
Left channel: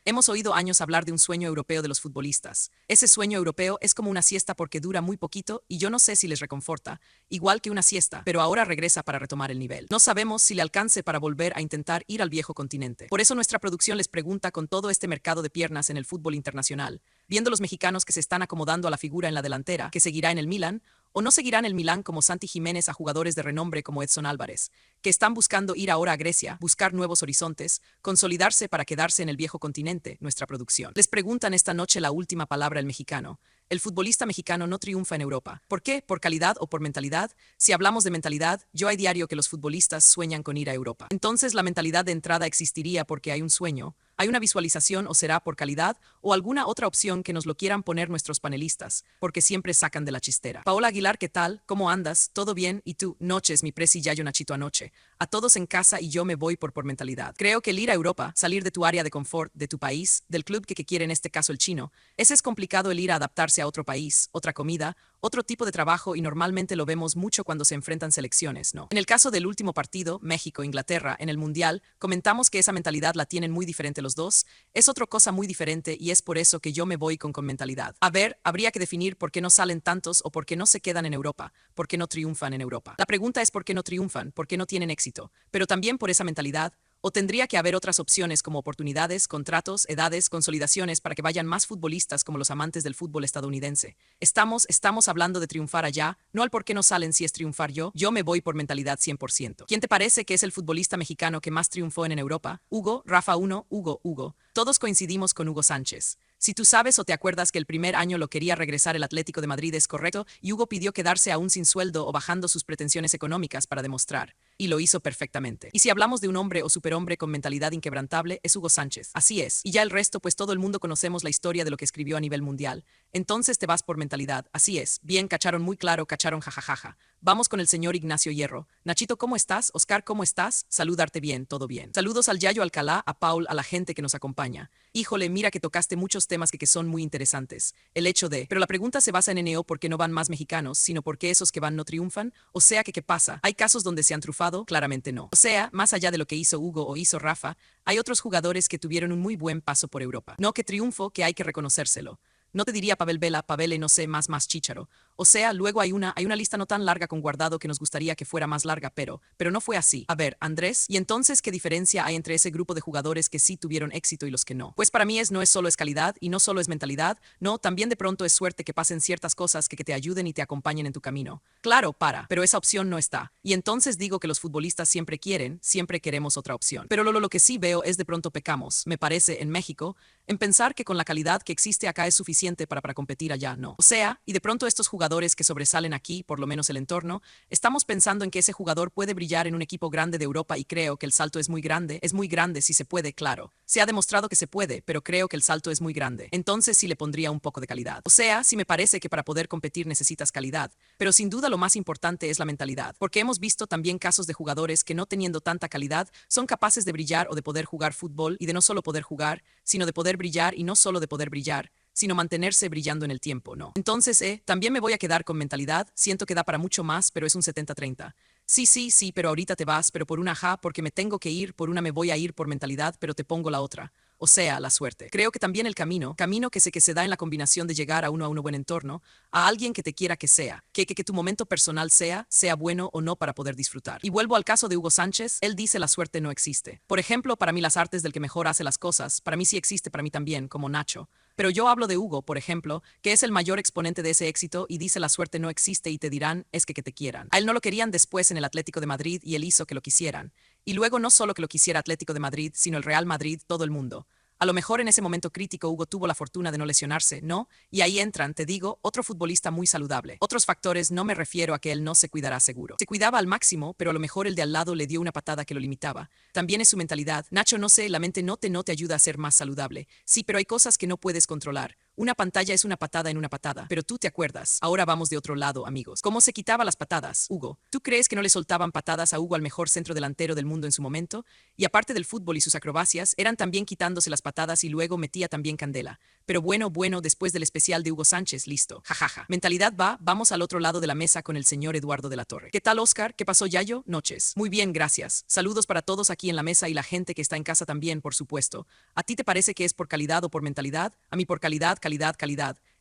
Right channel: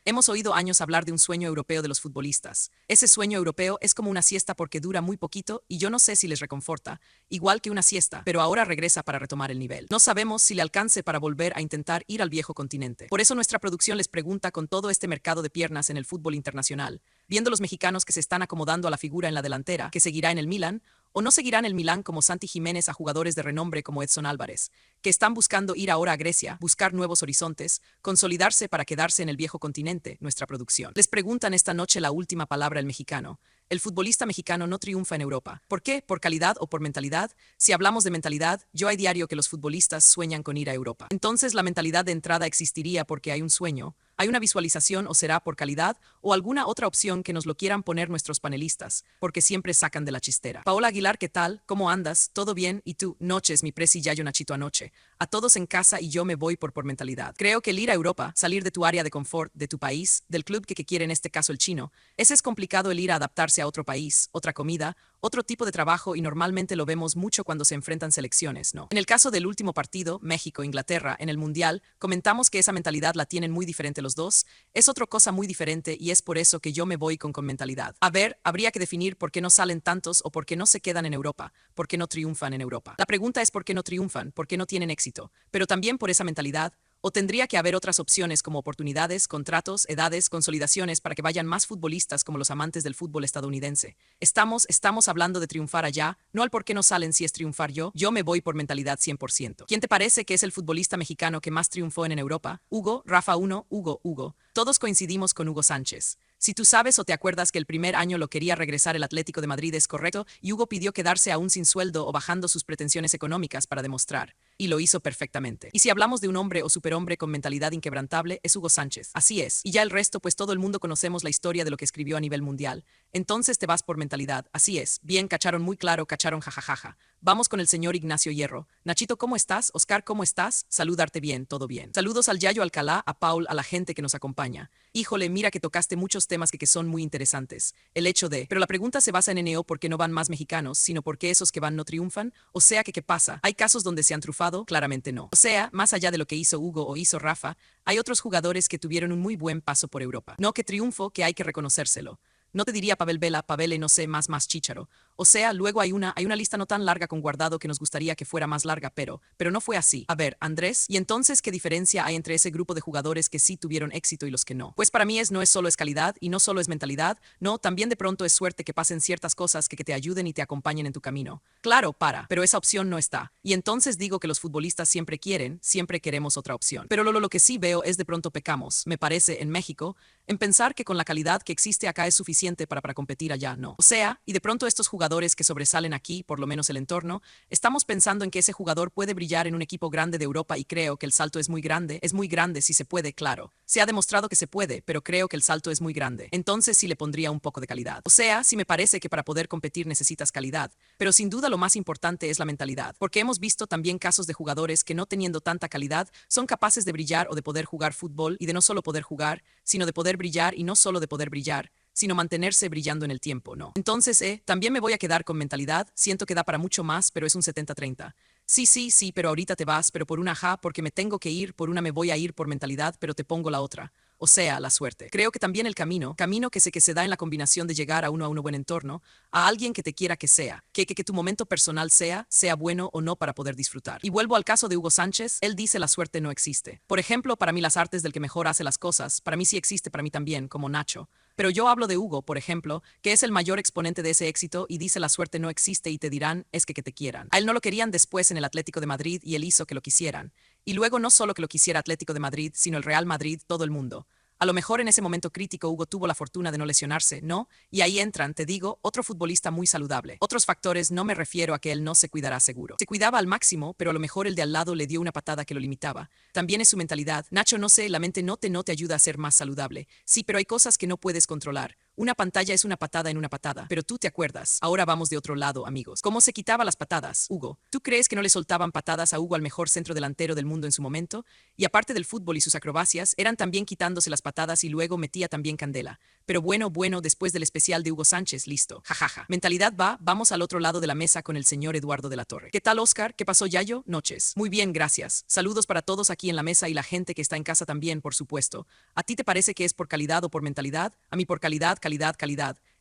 Hemos oído años hablar de un sueño europeo de los futbolistas. Ese sueño europeo es como una siesta porque dura muy poquito y yo no sé si les reconforta, igual que una siesta, pero ahora regresa para retomar el nivel. No sabemos si le alcance para volver a intentar ir al viejo continente. Por eso nuestra producción les pregunta con todo este mercado de piernas en el fútbol internacional, viendo los mexicanos que se están acomodando a la figura en la delantera, que seguirá en el Milan, o no seguirá en el Milan como Santi Jiménez a jugadores de renombre como Edson Álvarez, que están buscando ir ahora a Grecia, buscar nuevos horizontes, consolidarse para quedarse en el viejo continente, nuestra producción. Les preguntan esta noche la última palabra el mexicano. El futbolista mexicano no triunfa en Europa. ¿Por qué? ¿Por calidad o por mentalidad? Si hablamos de mentalidad, yo hay diario que los futbolistas sueñan con ir a Europa. Entonces la mentalidad de entrada existiría porque hay un sueño, hay una visualización o será por calidad o alguna otra opción que nos lo quieran poner nuestros panelistas, porque siempre sacan de la chistera. Paola Aguilar, ¿qué tal? ¿Cómo andas? ¿Todo bien? ¿Y tú? Noches, mi presi Yayo Nachito anoche. A todos en casa y yo me voy por mentalidad. Creo que el ir a Europa, salir de tu área de confort, de tu país, del club que quiere en este caso el chino, ese es complicado el ir a adaptarse a otro país, otra comida, otro tipo de trabajo y normalmente lo vemos mucho cuando se enfrentan selecciones, ¿no? En el caso del último partido, México-Inglaterra, en el Mundial, comentamos que esa mentalidad la tienen muy diferente los dos, es otra cosa muy diferente y es por eso que yo me voy con mentalidad. A ver, habría que definir por qué no salen tantos o por qué no se quedan en Europa, por qué no triunfan en Europa. La pregunta es por qué no triunfan, por qué no tienen éxito, pero también por esa mentalidad, O tendría que haber otras opciones como oportunidades, contratos, edades, consolidaciones para que vayan más futbolistas como los amantes del fútbol estadounidense. Estamos hablando de triunfar allá, no al por qué no salen si es triunfar yo. Yo me voy por mentalidad 100%. ¿Quién te parece que es el futbolista mexicano que más triunfó en Europa? Hugo, Rafa 1, Hugo. Todos coincidimos con Hugo Sánchez. Si tú sabes o te acuerdas que el primer año lo quería regresar el Atlético de Madrid es correcto, y Hugo pidió quedarse aún sin sueldo o bajando sus pretensiones económicas para demostrar. Y lo hizo perfectamente. Y si hablamos de un hombre o superhombre con mentalidad inquebrantable, es Hugo Sánchez. Así es. Y ya el resto, pues todo el mundo conocemos la historia de lo que escribió a nivel mundial. Entonces te vas por mentalidad. Así es. Bien, cacharon muy claro, cacharon jajajaja. Vamos con el señor Ignacio Hierro. Nachito, ¿cómo estás? Oscar, ¿cómo estás? Saludarte bien, todo bien. Saludos al Yayo Alcalá, a Paul, a la gente que nos acompaña. Híjole, mira que tocaste muchos temas que son muy interesantes. El hecho de, pero la pregunta se basa en NO por qué no van más mexicanos, sino por qué esos que van no triunfan. O sea que, ¿qué pasa? ¿Hay casos donde se han trufado? Claramente no. O sea, más allá de lo que hizo Hugo o hizo Rafa, hay otros jugadores que tuvieron un muy buen paso por Europa. No que triunfo, que hay que reconocérselo. No te diría Pavel Vela, Pavele, no sé, más Chícharo. O sea, luego hay una lista no tan larga con Guardado que nos gustaría que fuera más larga, pero no fue así. A ver, Andrés, ¿y entonces qué diferencia hay entre ese grupo de jugadores que sí tuvieron éxito y los que no? Pues para mí no es solo es calidad y no solo es mentalidad, no, también de pronto es suerte que pasen ciertas cosas que te ayuden y te acompañen en tu camino. Claro, pero esa opción no está. Y entonces digo que los futbolistas siempre queremos otra opción. Pero lo que sí veo es de pronto pecamos, me parece, en México, en pensar que con la calidad que existe acá es suficiente para competir allá, no. O sea, y de pronto estos jugadores que sobresalen aquí, por lo menos el entorno, estamos pensando en que ese jugador puede brillar en un equipo grande de Europa y creo que el salto es muy grande si se puede, claro. Se ha demostrado que se puede, pero creo que el salto es muy grande. Entonces sí le pondría un poco de calidad. O sea, sí me parece que para poder competir necesitas calidad, pero sin duda lo más importante es la mentalidad, porque hemos visto también casos de jugadores que no teniendo tanta calidad son capaces de brillar o de poder jugar fútbol y de no solo poder jugar, sino de poder brillar y no solo de poder brillar, sino mantenerse brillando en el tiempo, ¿no? Entonces, también me voy a quedar con mentalidad, siento que da para mucho más, pero es un 70-30. Sí, pero ahorita te vas, pero por una porque me tengo que ir, por una me voy a ir por mentalidad, pero te pongo la otra. O sea, la suerte. Creo que también el camino que se da en la combinación de llegar a un buen entorno, a alguien que te quiera que sea, que tu momento personal sea bueno o no para poder disfrutar. Y vuelvo al caso de Hugo Sánchez, él dice la suerte no existe. Por ejemplo, para mí las artes del que mejor hace las cosas, para mí sí existe, para mí también, como Nacho. Pero yo hablo de Hugo, por ejemplo, que es el mayor exponente de ese éxito y dice la suerte no existe y te dirán es que te quieran. A él no lo querían después en el Atlético de Madrid y él hizo que lo quisieran. Y luego no solo que lo quisiera Atlético de Madrid, sino el Real Madrid, todo el mundo. A lo mejor en ese momento crítico Hugo tuvo la fortuna de no lesionarse, ¿no? Y ahí entran, te digo, otro futbolista muy saludable. Otros factores, no me refiero a que él no se cuidará seguro. Se cuidaba al máximo, pero a lo mejor el de al lado le dio una patada que lo limitaba. También es su mentalidad. Nacho, no sé, la mente no te ayuda a ser más saludable. Sí, pero hay cosas que no puedes controlar. Una pantalla es una patada en una patada, pero tú te acuerdas. Ahora vamos de otro lado, amigos. ¿Cómo se quitaba las patadas, Hugo? ¿Tú crees que no le soltaban patadas a Hugo, al mejor centro delantero del mundo en su momento? Y aparte del fútbol y sus acrobacias, eran también quitándose las patadas y luego metía también candela. Pero bueno, después del especial de Hugo Sánchez, listo. Jajaja. Mentalidad vamos al otro lado de la mesa con el señor Eduardo de la Torre. ¿Qué tal, Oscar? ¿Qué pasó, Yayo? Noches. Muy bien, gracias. Saludos para todos aquí en la mesa y la gente que está en casa también, por supuesto. ¿A ti te parece que es por calidad o por mentalidad? A mí por calidad.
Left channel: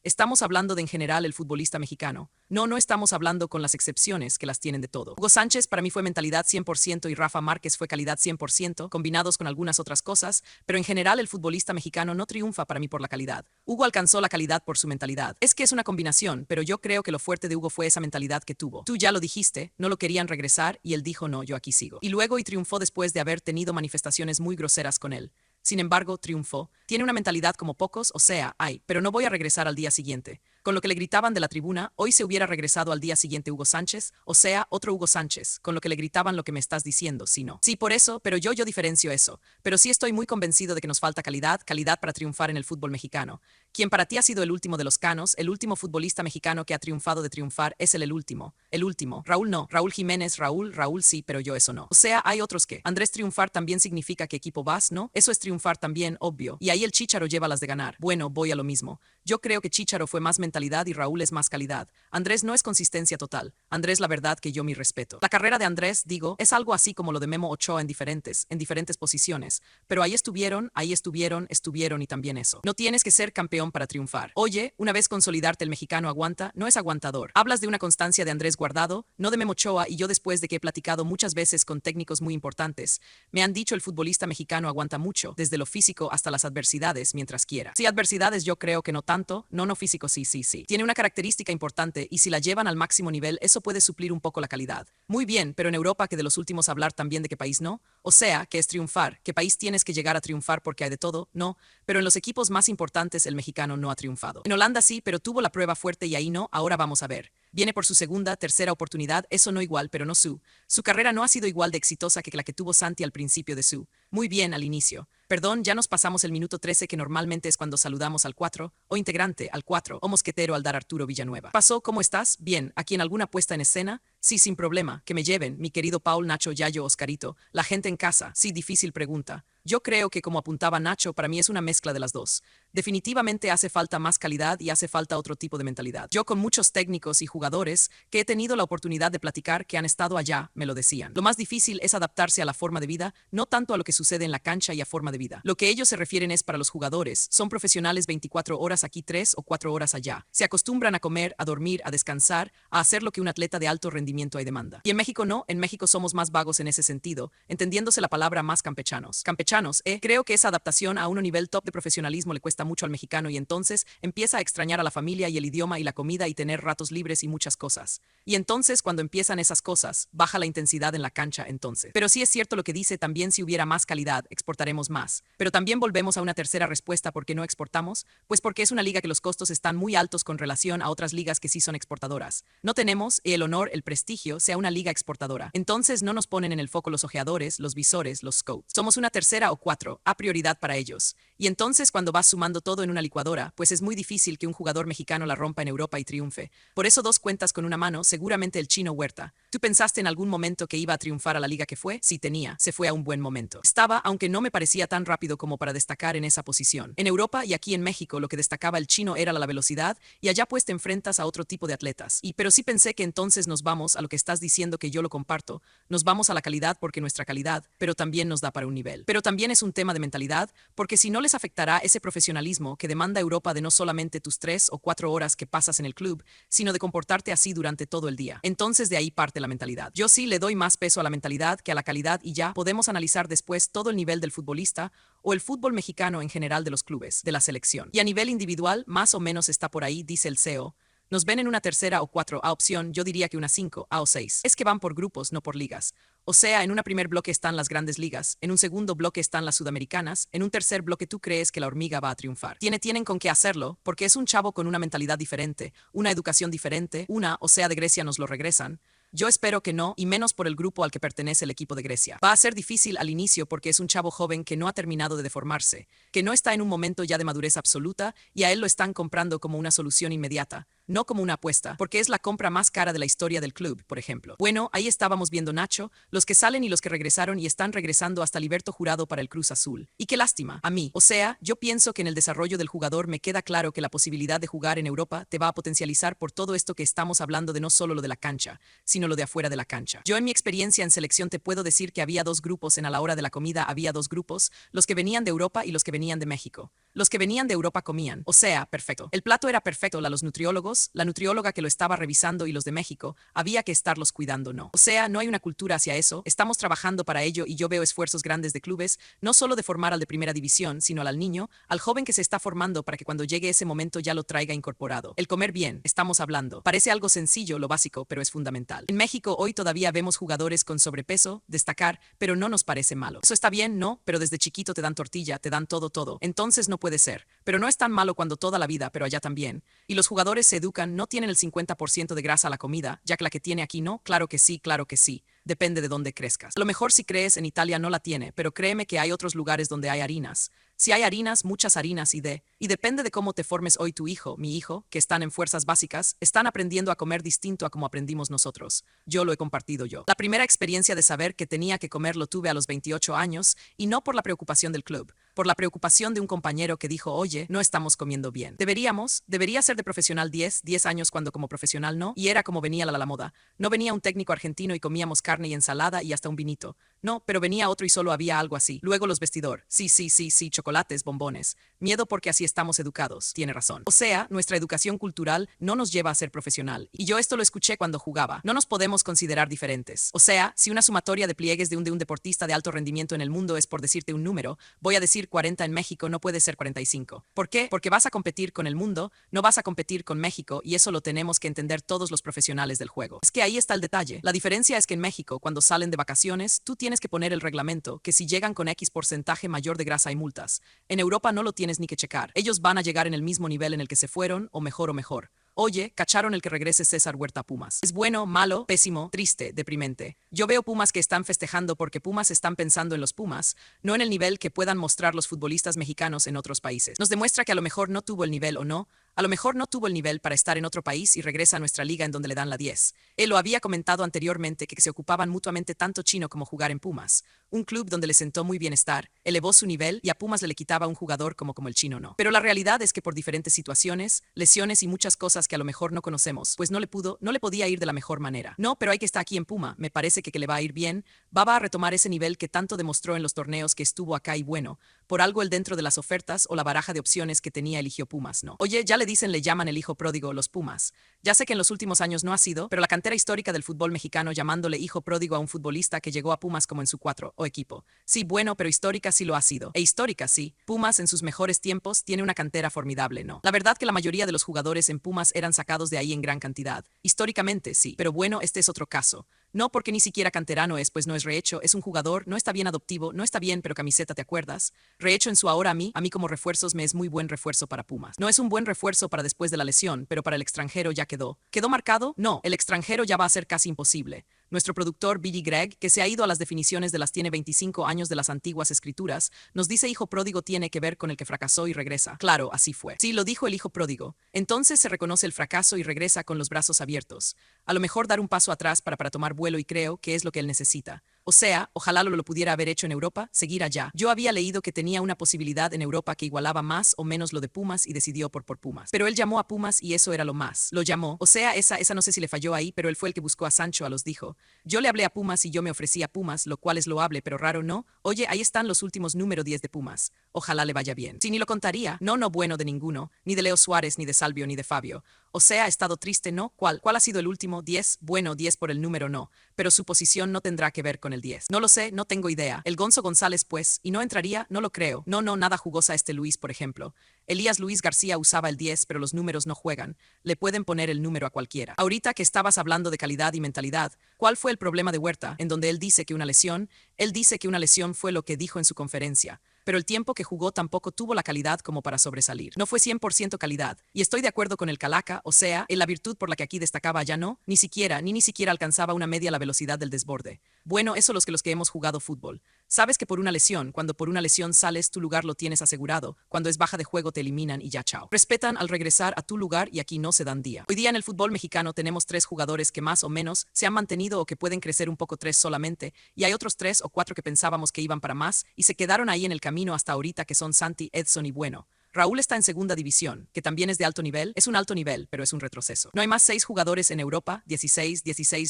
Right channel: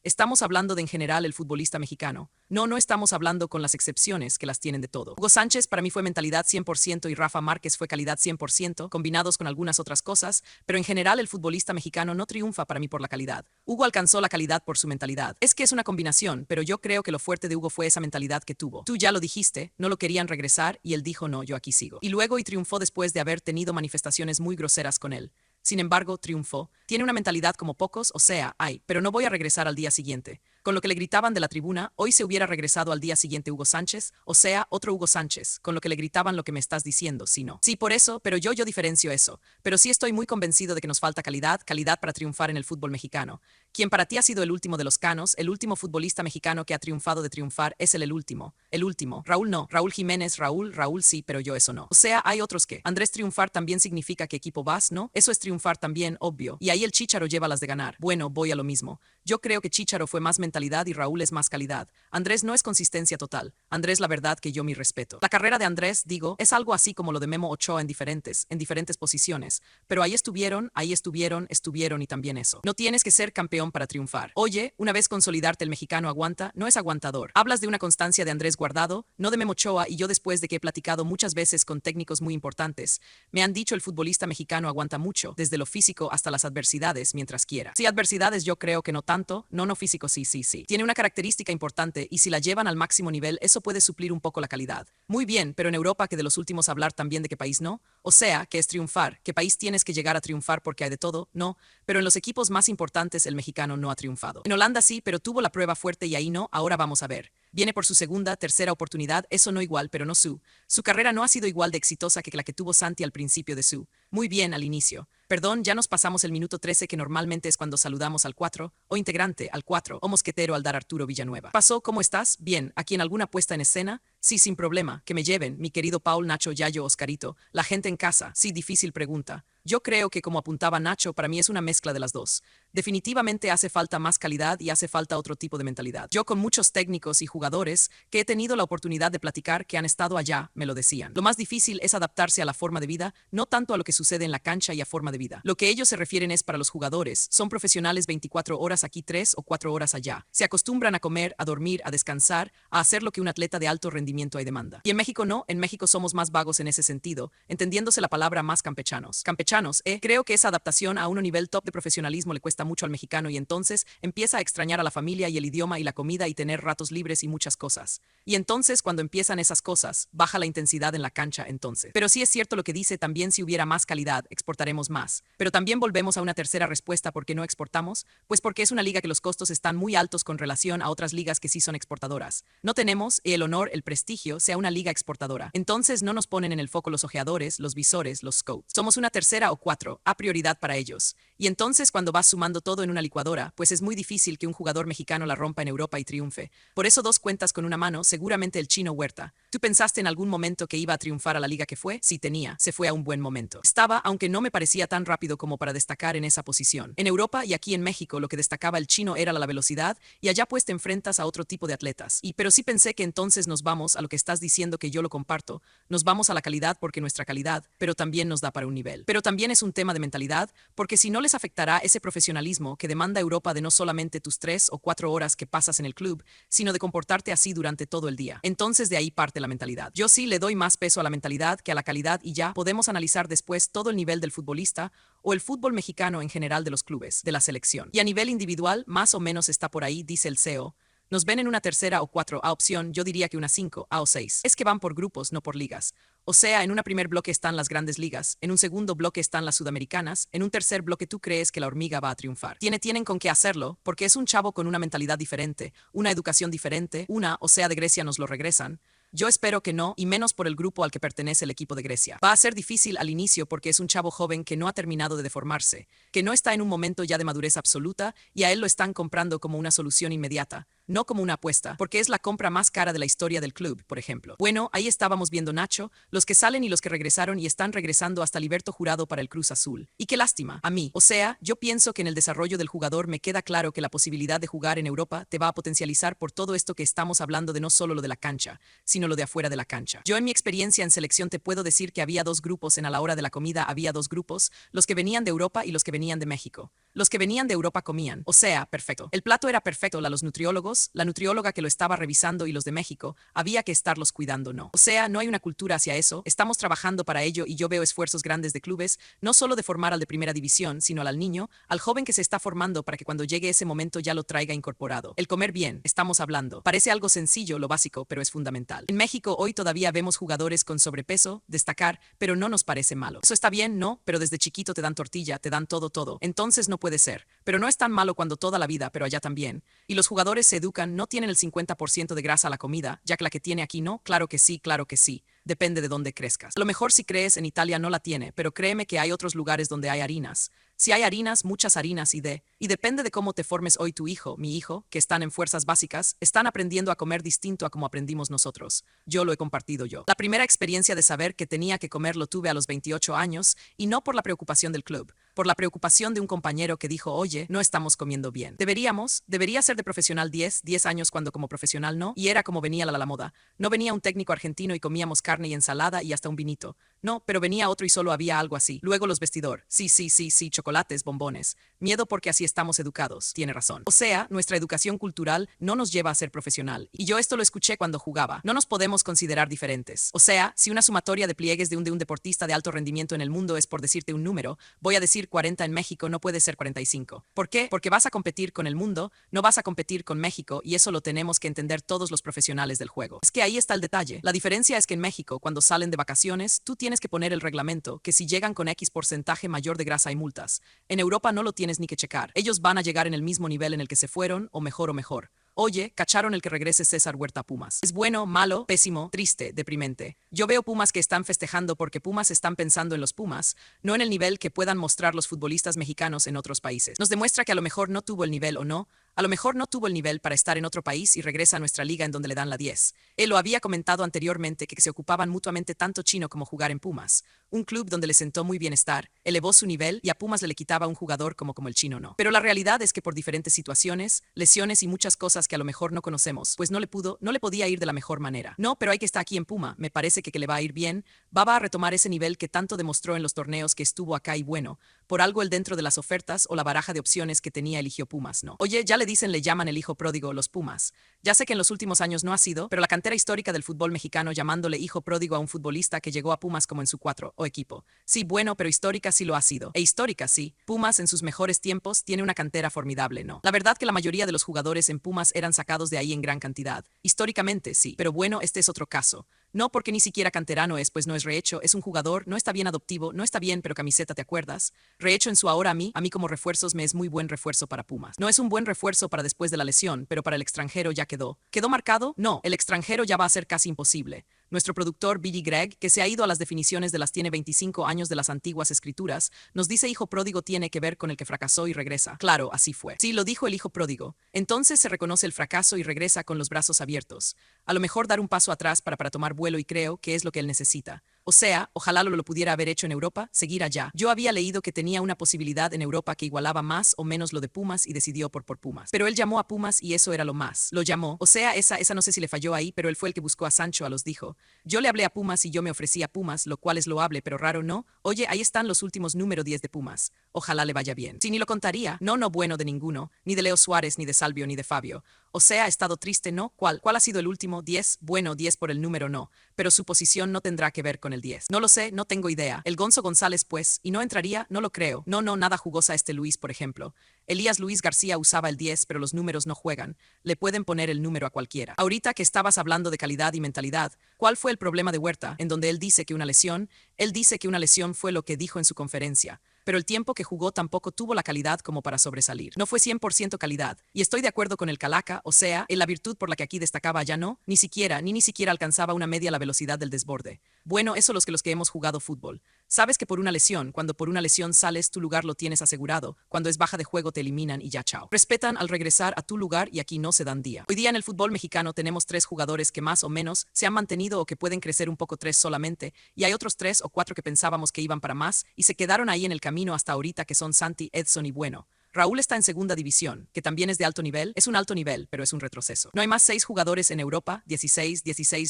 Estamos hablando de en general el futbolista mexicano. No estamos hablando con las excepciones que las tienen de todo. Hugo Sánchez para mí fue mentalidad 100% y Rafa Márquez fue calidad 100%, combinados con algunas otras cosas, pero en general el futbolista mexicano no triunfa para mí por la calidad. Hugo alcanzó la calidad por su mentalidad. Es que es una combinación, pero yo creo que lo fuerte de Hugo fue esa mentalidad que tuvo. Tú ya lo dijiste, no lo querían regresar y él dijo no, yo aquí sigo. Y luego triunfó después de haber tenido manifestaciones muy groseras con él. Sin embargo, triunfó. Tiene una mentalidad como pocos, o sea, pero no voy a regresar al día siguiente. Con lo que le gritaban de la tribuna, hoy se hubiera regresado al día siguiente Hugo Sánchez, o sea, otro Hugo Sánchez, con lo que le gritaban lo que me estás diciendo, si no. Sí, por eso, pero yo diferencio eso. Pero sí estoy muy convencido de que nos falta calidad para triunfar en el fútbol mexicano. Quien para ti ha sido el último de los canos, el último futbolista mexicano que ha triunfado de triunfar, es el último. El último. Raúl no. Raúl Jiménez, Raúl sí, pero yo eso no. O sea, hay otros que. Andrés, triunfar también significa que equipo vas, ¿no? Eso es triunfar también, obvio. Y ahí el Chícharo lleva las de ganar. Bueno, voy a lo mismo. Yo creo que Chícharo fue más mentalidad y Raúl es más calidad. Andrés no es consistencia total. Andrés, la verdad que yo mi respeto. La carrera de Andrés, digo, es algo así como lo de Memo Ochoa en diferentes posiciones. Pero ahí estuvieron y también eso. No tienes que ser campeón condición para triunfar. Oye, una vez consolidarte el mexicano aguanta, no es aguantador. Hablas de una constancia de Andrés Guardado, no de Memo Ochoa, y yo después de que he platicado muchas veces con técnicos muy importantes, me han dicho el futbolista mexicano aguanta mucho, desde lo físico hasta las adversidades mientras quiera. Sí, adversidades yo creo que no tanto, no físico sí. Tiene una característica importante y si la llevan al máximo nivel eso puede suplir un poco la calidad. Muy bien, pero en Europa que de los últimos hablar también de qué país no, o sea, que es triunfar, qué país tienes que llegar a triunfar porque hay de todo, no, pero en los equipos más importantes el mexicano no ha triunfado. En Holanda sí, pero tuvo la prueba fuerte y ahí no, ahora vamos a ver. Viene por su segunda, tercera oportunidad, eso no igual, pero no su. Su carrera no ha sido igual de exitosa que la que tuvo Santi al principio de su. Muy bien al inicio. Perdón, ya nos pasamos el minuto 13 que normalmente es cuando saludamos al 4, o integrante al 4, o mosquetero al dar Arturo Villanueva. ¿Pasó? ¿Cómo estás? Bien, ¿aquí en alguna puesta en escena? Sí, sin problema, que me lleven, mi querido Paul, Nacho, Yayo, Oscarito, la gente en casa. Sí, difícil pregunta. Yo creo que como apuntaba Nacho, para mí es una mezcla de las dos. Definitivamente hace falta más calidad y hace falta otro tipo de mentalidad. Yo con muchos técnicos y jugadores que he tenido la oportunidad de platicar que han estado allá, me lo decían. Lo más difícil es adaptarse a la forma de vida, no tanto a lo que sucede en la cancha y a forma de vida. Lo que ellos se refieren es para los jugadores. Son profesionales 24 horas aquí, 3 o 4 horas allá. Se acostumbran a comer, a dormir, a descansar, a hacer lo que un atleta de alto rendimiento hay demanda. Y en México no, en México somos más vagos en ese sentido, entendiéndose la palabra más campechanos. Creo que esa adaptación a un nivel top de profesionalismo le cuesta mucho al mexicano y entonces empieza a extrañar a la familia y el idioma y la comida y tener ratos libres y muchas cosas. Y entonces cuando empiezan esas cosas, baja la intensidad en la cancha entonces. Pero sí es cierto lo que dice, también si hubiera más calidad, exportaremos más. Pero también volvemos a una tercera respuesta, ¿por qué no exportamos? Pues porque es una liga que los costos están muy altos con relación a otras ligas que sí son exportadoras. No tenemos el honor, el prestigio, sea una liga exportadora. Entonces no nos ponen en el foco los ojeadores, los visores, los scouts. Somos una tercera o 4, a prioridad para ellos. Y entonces cuando vas sumando todo en una licuadora, pues es muy difícil que un jugador mexicano la rompa en Europa y triunfe. Por eso dos cuentas con una mano, seguramente el Chino Huerta. ¿Tú pensaste en algún momento que iba a triunfar a la liga que fue? Sí tenía, se fue a un buen momento. Estaba, aunque no me parecía tan rápido como para destacar en esa posición. En Europa y aquí en México lo que destacaba el Chino era la velocidad y allá pues te enfrentas a otro tipo de atletas. Pero sí pensé que entonces nos vamos a lo que estás diciendo que yo lo comparto, nos vamos a la calidad porque nuestra calidad, pero también nos da para un nivel. Pero también es un tema de mentalidad, porque si no les afectará ese profesionalismo que demanda Europa de no solamente tus 3 o 4 horas que pasas en el club, sino de comportarte así durante todo el día. Entonces de ahí parte la mentalidad. Yo sí le doy más peso a la mentalidad que a la calidad y ya podemos analizar después todo el nivel del futbolista o el fútbol mexicano en general de los clubes, de la selección. Y a nivel individual, más o menos está por ahí, dice el CEO. Nos ven en una tercera o 4A opción, yo diría que una 5A o 6. Es que van por grupos, no por ligas. O sea, en un primer bloque están las grandes ligas, en un segundo bloque están las sudamericanas, en un tercer bloque tú crees que la hormiga va a triunfar. Tienen con qué hacerlo, porque es un chavo con una mentalidad diferente, una educación diferente, o sea, de Grecia nos lo regresan. Yo espero que no, y menos por el grupo al que pertenece el equipo de Grecia. Va a ser difícil al inicio porque es un chavo joven que no ha terminado de deformarse, que no está en un momento ya de madurez absoluta y a él lo están comprando como una solución inmediata, no como una apuesta, porque es la compra más cara de la historia del club, por ejemplo. Bueno, ahí estábamos viendo Nacho, los que salen y los que regresaron y están regresando hasta Liberto Jurado para el Cruz Azul. Y qué lástima, a mí. O sea, yo pienso que en el desarrollo del jugador me queda claro que la posibilidad de jugar en Europa te va a potencializar por todo esto que estamos hablando de no solo lo de la cancha, sino lo de afuera de la cancha. Yo en mi experiencia en selección te puedo decir que había dos grupos a la hora de la comida, había dos grupos, los que venían de Europa y los que venían de México. Los que venían de Europa comían, o sea, perfecto. El plato era perfecto, los nutriólogos, la nutrióloga que lo estaba revisando y los de México, había que estarlos cuidando, no. O sea, no hay una cultura hacia eso, estamos trabajando para ello y yo veo esfuerzos grandes de clubes, no solo de formar al de primera división, sino al niño, al joven que se está formando para que cuando llegue ese momento ya lo traiga incorporado. El comer bien, estamos hablando. Parece algo sencillo, lo básico, pero es fundamental. En México hoy todavía vemos jugadores con sobrepeso, destacar, pero no nos parece malo. Eso está bien, no, pero desde chiquito te dan tortilla, te dan todo. Entonces no puede ser. Pero no es tan malo cuando toda la vida, pero allá también. Y los jugadores se educan, no tienen el 50% de grasa a la comida, ya que la que tiene aquí no, claro que sí. Depende de dónde crezcas. A lo mejor si crees en Italia no la tiene, pero créeme que hay otros lugares donde hay harinas. Si hay harinas, muchas harinas y depende de cómo te formes hoy tu hijo, mi hijo, que están en fuerzas básicas, están aprendiendo a comer distinto a como aprendimos nosotros. Yo lo he compartido yo. La primera experiencia de saber que tenía que comer lo tuve a los 28 años y no por la preocupación del club. por la preocupación de un compañero que dijo, oye, no estamos comiendo bien. Debería ser de profesional 10 años cuando como profesional no, y era como venía la moda. No venía un técnico argentino y comíamos carne y ensalada y hasta un vinito. No, pero venía otro y solo había algo así. Luego los vestidor. Sí, chocolates, bombones. Miedo porque así estamos educados. Tiene razón. O sea, nuestra educación cultural no nos lleva a ser profesional. Y yo esto lo escuché cuando jugaba. No nos podemos considerar diferentes. O sea, si una sumatoria de pliegues de un deportista de alto rendimiento en el mundo es por decirte un número, voy a decir 40 en México, no puede ser 45. ¿Por qué? Porque vas a competir con el mundo, no vas a competir con México, y eso lo tenemos que entender todos los profesionales del juego. Es que ahí está el detalle. La diferencia es que en México, cuando salen de vacaciones, tú tienes que poner el reglamento, que si llegan con X porcentaje mayor de grasa hay multas. En Europa no lo tienes ni que checar. Ellos van a llegar en el mismo nivel en el que se fueron, o mejor. Oye, cacharon el que regrese César Huerta a Pumas. ¿Es bueno, malo, pésimo, triste, deprimente? Yo veo Pumas que están festejando porque Pumas están pensando en los Pumas, no en el nivel que puedan mostrar los futbolistas mexicanos en otros países. Nos demuestra que a lo mejor no tuvo el nivel o no. A lo mejor no tuvo el nivel para estar en otro país y regresa a nuestra liga en donde le dan la 10. Él lo había comentado anteriormente que se ocupaban mutuamente tanto Chino como jugar en Pumas. Un club donde le sentó muy bien estar, elevó su nivel y a Pumas le quitaba un jugador como el Chino no. Pero la realidad es que por diferentes situaciones, lesiones y muchas cosas que a lo mejor no conocemos, pues no le podía ir de la mejor manera. No, pero hay que estar aquí en Puma, me parece que le va a ir bien, va a retomar ese nivel que tanto demostró en los torneos que estuvo acá y bueno, por algo el dentro de las ofertas o la baraja de opciones que tenía eligió Pumas, ¿no? Oye, ya le llaman el hijo pródigo los Pumas. Ya sé que en los últimos años no ha sido, pero la cantera histórica del fútbol mexicano llamándole hijo pródigo a un futbolista que llegó a Pumas como en su 4 o equipo. Sí, bueno, pero histórica sí lo ha sido. E histórica sí. Pumas en sus mejores tiempos tiene una cantera formidable, ¿no? La verdad que la mayoría de los jugadores en Pumas eran sacados de ahí en gran cantidad. Históricamente sí, pero bueno, este es otro caso. No porque ni siquiera canterano es, pues no es rehecho, es un jugador, no está bien adoptivo, no está bien, pero camiseta, ¿te acuerdas? Rehecho en su ahora a mí como refuerzos me es muy buen refuerzo para Pumas. No es un buen refuerzo para después de la lesión, pero para el extranjero ya quedó. ¿Quedó marcado? No, el extranjero ya va a ser casi imposible. Nuestro productor Billy Gregg, que se ha ido a las definiciones de las tiene 25 años de las antiguas escrituras, nos dice hijo pródigo tiene que ver con el que fracasó y regresa. Claro, así fue. Sí, lo dijo el hijo pródigo. Entonces se reconoce el fracaso y regresa con los brazos abiertos. A lo mejor dar un paso atrás para tomar vuelo y creo que es lo que él necesita. O sea, ojalá lo pudiera haber hecho en Europa, seguir allá. Yo había leído que tenía una posibilidad en Europa que igualaba más o menos lo de Pumas y decidió por Pumas. Pero él llamó a Pumas y eso era lo más. Lo llamó. O sea, esa no sé si le falló ahí, pero él fue el que buscó a Sancho, los dijo. Yo le hablé a Pumas y yo me ofrecí a Pumas, lo cual es loable pero raro, ¿no? Oye, ahí están los últimos número 10 de Pumas. Ojalá le vaya bien. Si ni lo contaría. No, bueno de ninguno. Ni de Leo Suárez, ni de Salvio, ni de Fabio. O sea, ha estado triste, ¿no? ¿Cuál ha sido el último? 10. Bueno, 10 por el número no. Pero su posición no tendrá que ver con el 10. No lo sé, no tengo idea. El Gonzo González, pues, y no entraría, no lo creo. No, nada jugosa este Luis, por ejemplo. Elías Luis García usaba el 10, pero los números no juegan. Le pueden poner el número a cualquiera. Ahorita que estabas hablando de calidad y mentalidad, ¿cuál fue el problema de Huerta? En donde él dice que una lesión fue lo que dijo en su conferencia. Pero el tiempo que jugó tampoco tuvo la calidad como para sobresalir. No fue 100% calidad. Y estoy de acuerdo con el Calaca, o sea, en la virtud por la que aquí destacaba ya no, ni siquiera alcanzaba una media la velocidad del desborde. Bueno, eso los que hemos jugado fútbol. Sabes que cuando por una lesión sales, tu lugar lo tienes asegurado. Cuando es baja de juego te eliminan y ya chao. Respetan al regresar a tu lugar y aquí no se dan día. Hoy día en el fútbol mexicano tenemos 3 jugadores que más o menos se han mantenido o que pueden crecer un poco 3 solamente, y hay otros 3 o 4 que pensábamos que iban para más y se quedaron ahí en el camino hasta ahorita, que son Santi, Edson y Bueno. Raúl está en segunda división, que también es de alto nivel, es un alto nivel, pero es un retroceso. No hay más 6 jugadores en Europa, 16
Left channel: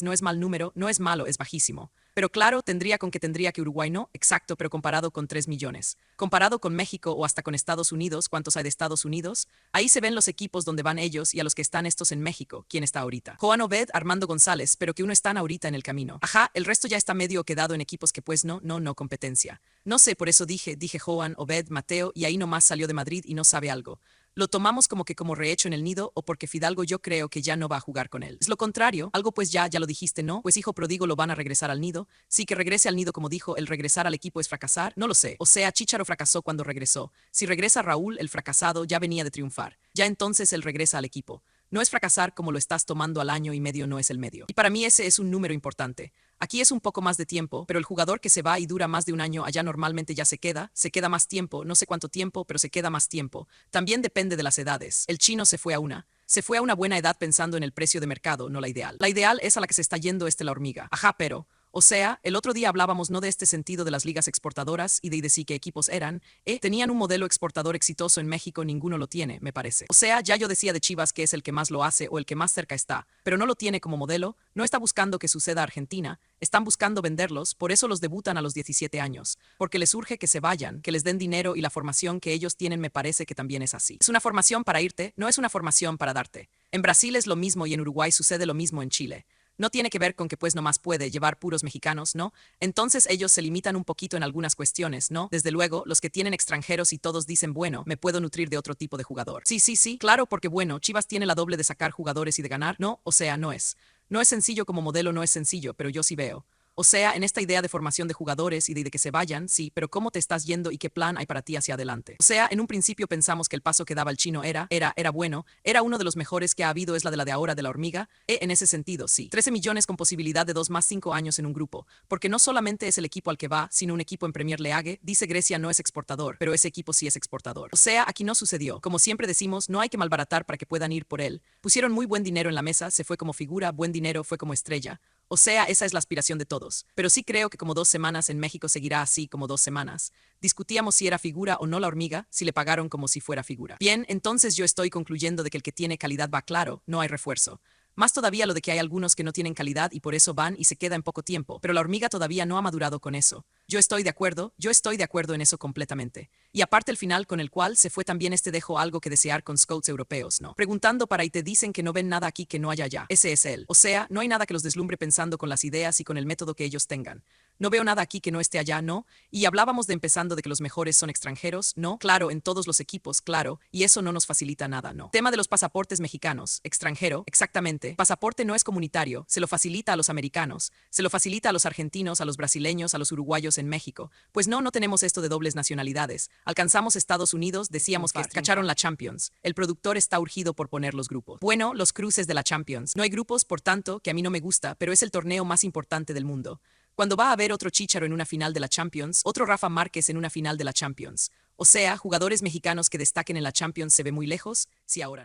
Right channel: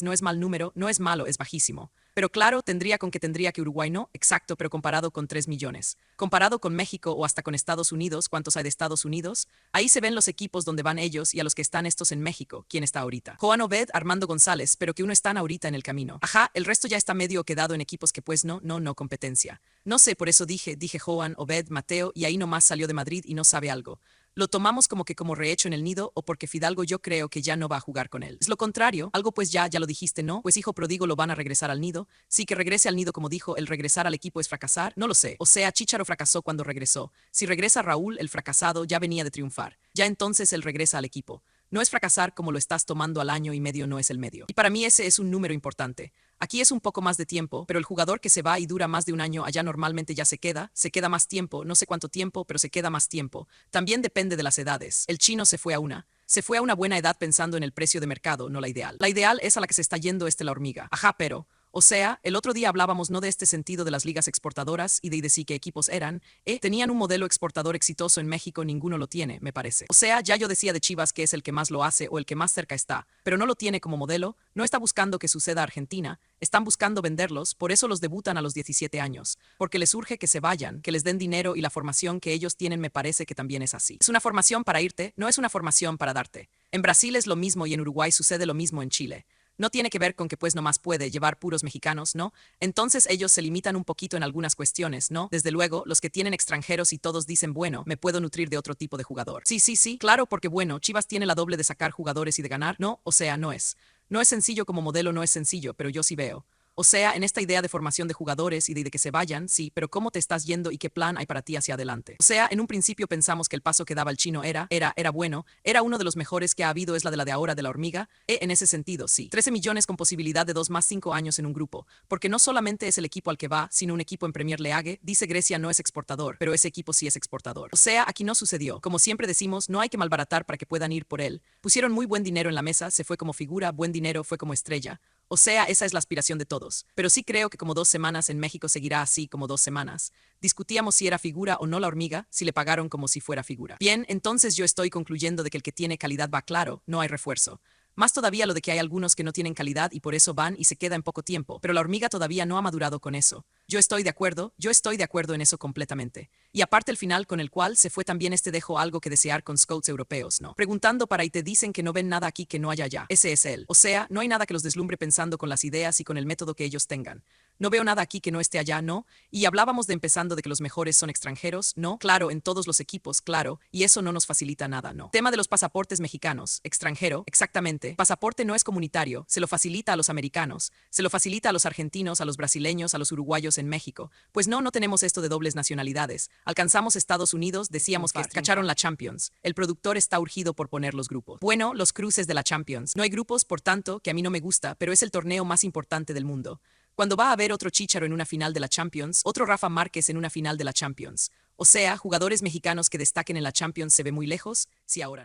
no es mal número, no es malo, es bajísimo. Pero claro, tendría que Uruguay no, exacto, pero comparado con 3 millones. Comparado con México o hasta con Estados Unidos, ¿cuántos hay de Estados Unidos? Ahí se ven los equipos donde van ellos y a los que están estos en México, ¿quién está ahorita? Joan Obed, Armando González, pero que uno están ahorita en el camino. Ajá, el resto ya está medio quedado en equipos que pues no competencia. No sé, por eso dije Joan, Obed, Mateo, y ahí nomás salió de Madrid y no sabe algo. Lo tomamos como rehecho en el nido o porque Fidalgo yo creo que ya no va a jugar con él. Es lo contrario, algo pues ya lo dijiste, ¿no? Pues hijo pródigo lo van a regresar al nido. Sí, que regrese al nido como dijo, el regresar al equipo es fracasar, no lo sé. O sea, Chícharo fracasó cuando regresó. Si regresa Raúl, el fracasado ya venía de triunfar. Ya entonces él regresa al equipo. No es fracasar como lo estás tomando al año y medio, no es el medio. Y para mí ese es un número importante. Aquí es un poco más de tiempo, pero el jugador que se va y dura más de un año allá normalmente ya se queda más tiempo, no sé cuánto tiempo, pero se queda más tiempo. También depende de las edades. El Chino se fue a una buena edad pensando en el precio de mercado, no la ideal. La ideal es a la que se está yendo la hormiga. Ajá, pero O sea, el otro día hablábamos no de este sentido de las ligas exportadoras y de sí qué equipos eran, tenían un modelo exportador exitoso en México, ninguno lo tiene, me parece. O sea, ya yo decía de Chivas que es el que más lo hace o el que más cerca está, pero no lo tiene como modelo, no está buscando que suceda Argentina, están buscando venderlos, por eso los debutan a los 17 años, porque les urge que se vayan, que les den dinero y la formación que ellos tienen me parece que también es así. Es una formación para irte, no es una formación para darte. En Brasil es lo mismo y en Uruguay sucede lo mismo en Chile. No tiene que ver con que pues nomás puede llevar puros mexicanos, ¿no? Entonces ellos se limitan un poquito en algunas cuestiones, ¿no? Desde luego, los que tienen extranjeros y todos dicen, bueno, me puedo nutrir de otro tipo de jugador. Sí, claro, porque bueno, Chivas tiene la doble de sacar jugadores y de ganar, ¿no? O sea, no es. No es sencillo como modelo, no es sencillo, pero yo sí veo. O sea, en esta idea de formación de jugadores y de que se vayan, sí, pero ¿cómo te estás yendo y qué plan hay para ti hacia adelante? O sea, en un principio pensamos que el paso que daba el chino era bueno, era uno de los mejores que ha habido, es la de ahora de la hormiga, en ese sentido, sí. 13 millones con posibilidad de 2 más 5 años en un grupo, porque no solamente es el equipo al que va, sino un equipo en Premier League, dice Grecia no es exportador, pero ese equipo sí es exportador. O sea, aquí no sucedió. Como siempre decimos, no hay que malbaratar para que puedan ir por él. Pusieron muy buen dinero en la mesa, se fue como figura, buen dinero, fue como estrella. O sea, esa es la aspiración de todos. Pero sí creo que como 2 semanas en México seguirá así como 2 semanas. Discutíamos si era figura o no la hormiga, si le pagaron como si fuera figura. Bien, entonces yo estoy concluyendo de que el que tiene calidad va claro, no hay refuerzo. Más todavía lo de que hay algunos que no tienen calidad y por eso van y se queda en poco tiempo, pero la hormiga todavía no ha madurado con eso. Yo estoy de acuerdo en eso completamente. Y aparte el final con el cual se fue también dejó algo que desear con scouts europeos, ¿no? Preguntando para y te dicen que no ven nada aquí que no haya allá. Ese es él. O sea, no hay nada que los deslumbre pensando con las ideas y con el método que ellos tengan. No veo nada aquí que no esté allá, ¿no? Y hablábamos de empezando de que los mejores son extranjeros, ¿no? Claro, en todos los equipos, claro, y eso no nos facilita nada, ¿no? Tema de los pasaportes mexicanos, extranjero, exactamente. Pasaporte no es comunitario, se lo facilita a los americanos, se lo facilita a los argentinos, a los brasileños, a los uruguayos en México. Pues no tenemos esto de dobles nacionalidades. Alcanzamos Estados Unidos, decíamos que cacharon la Champions. El productor está urgido por poner los grupos. Bueno, los cruces de la Champions. No hay grupos, por tanto, que a mí no me gusta, pero es el torneo más importante del mundo. Cuando va a haber otro Chícharo en una final de la Champions, otro Rafa Márquez en una final de la Champions. O sea, jugadores mexicanos que destaquen en la Champions se ve muy lejos, si ahora no.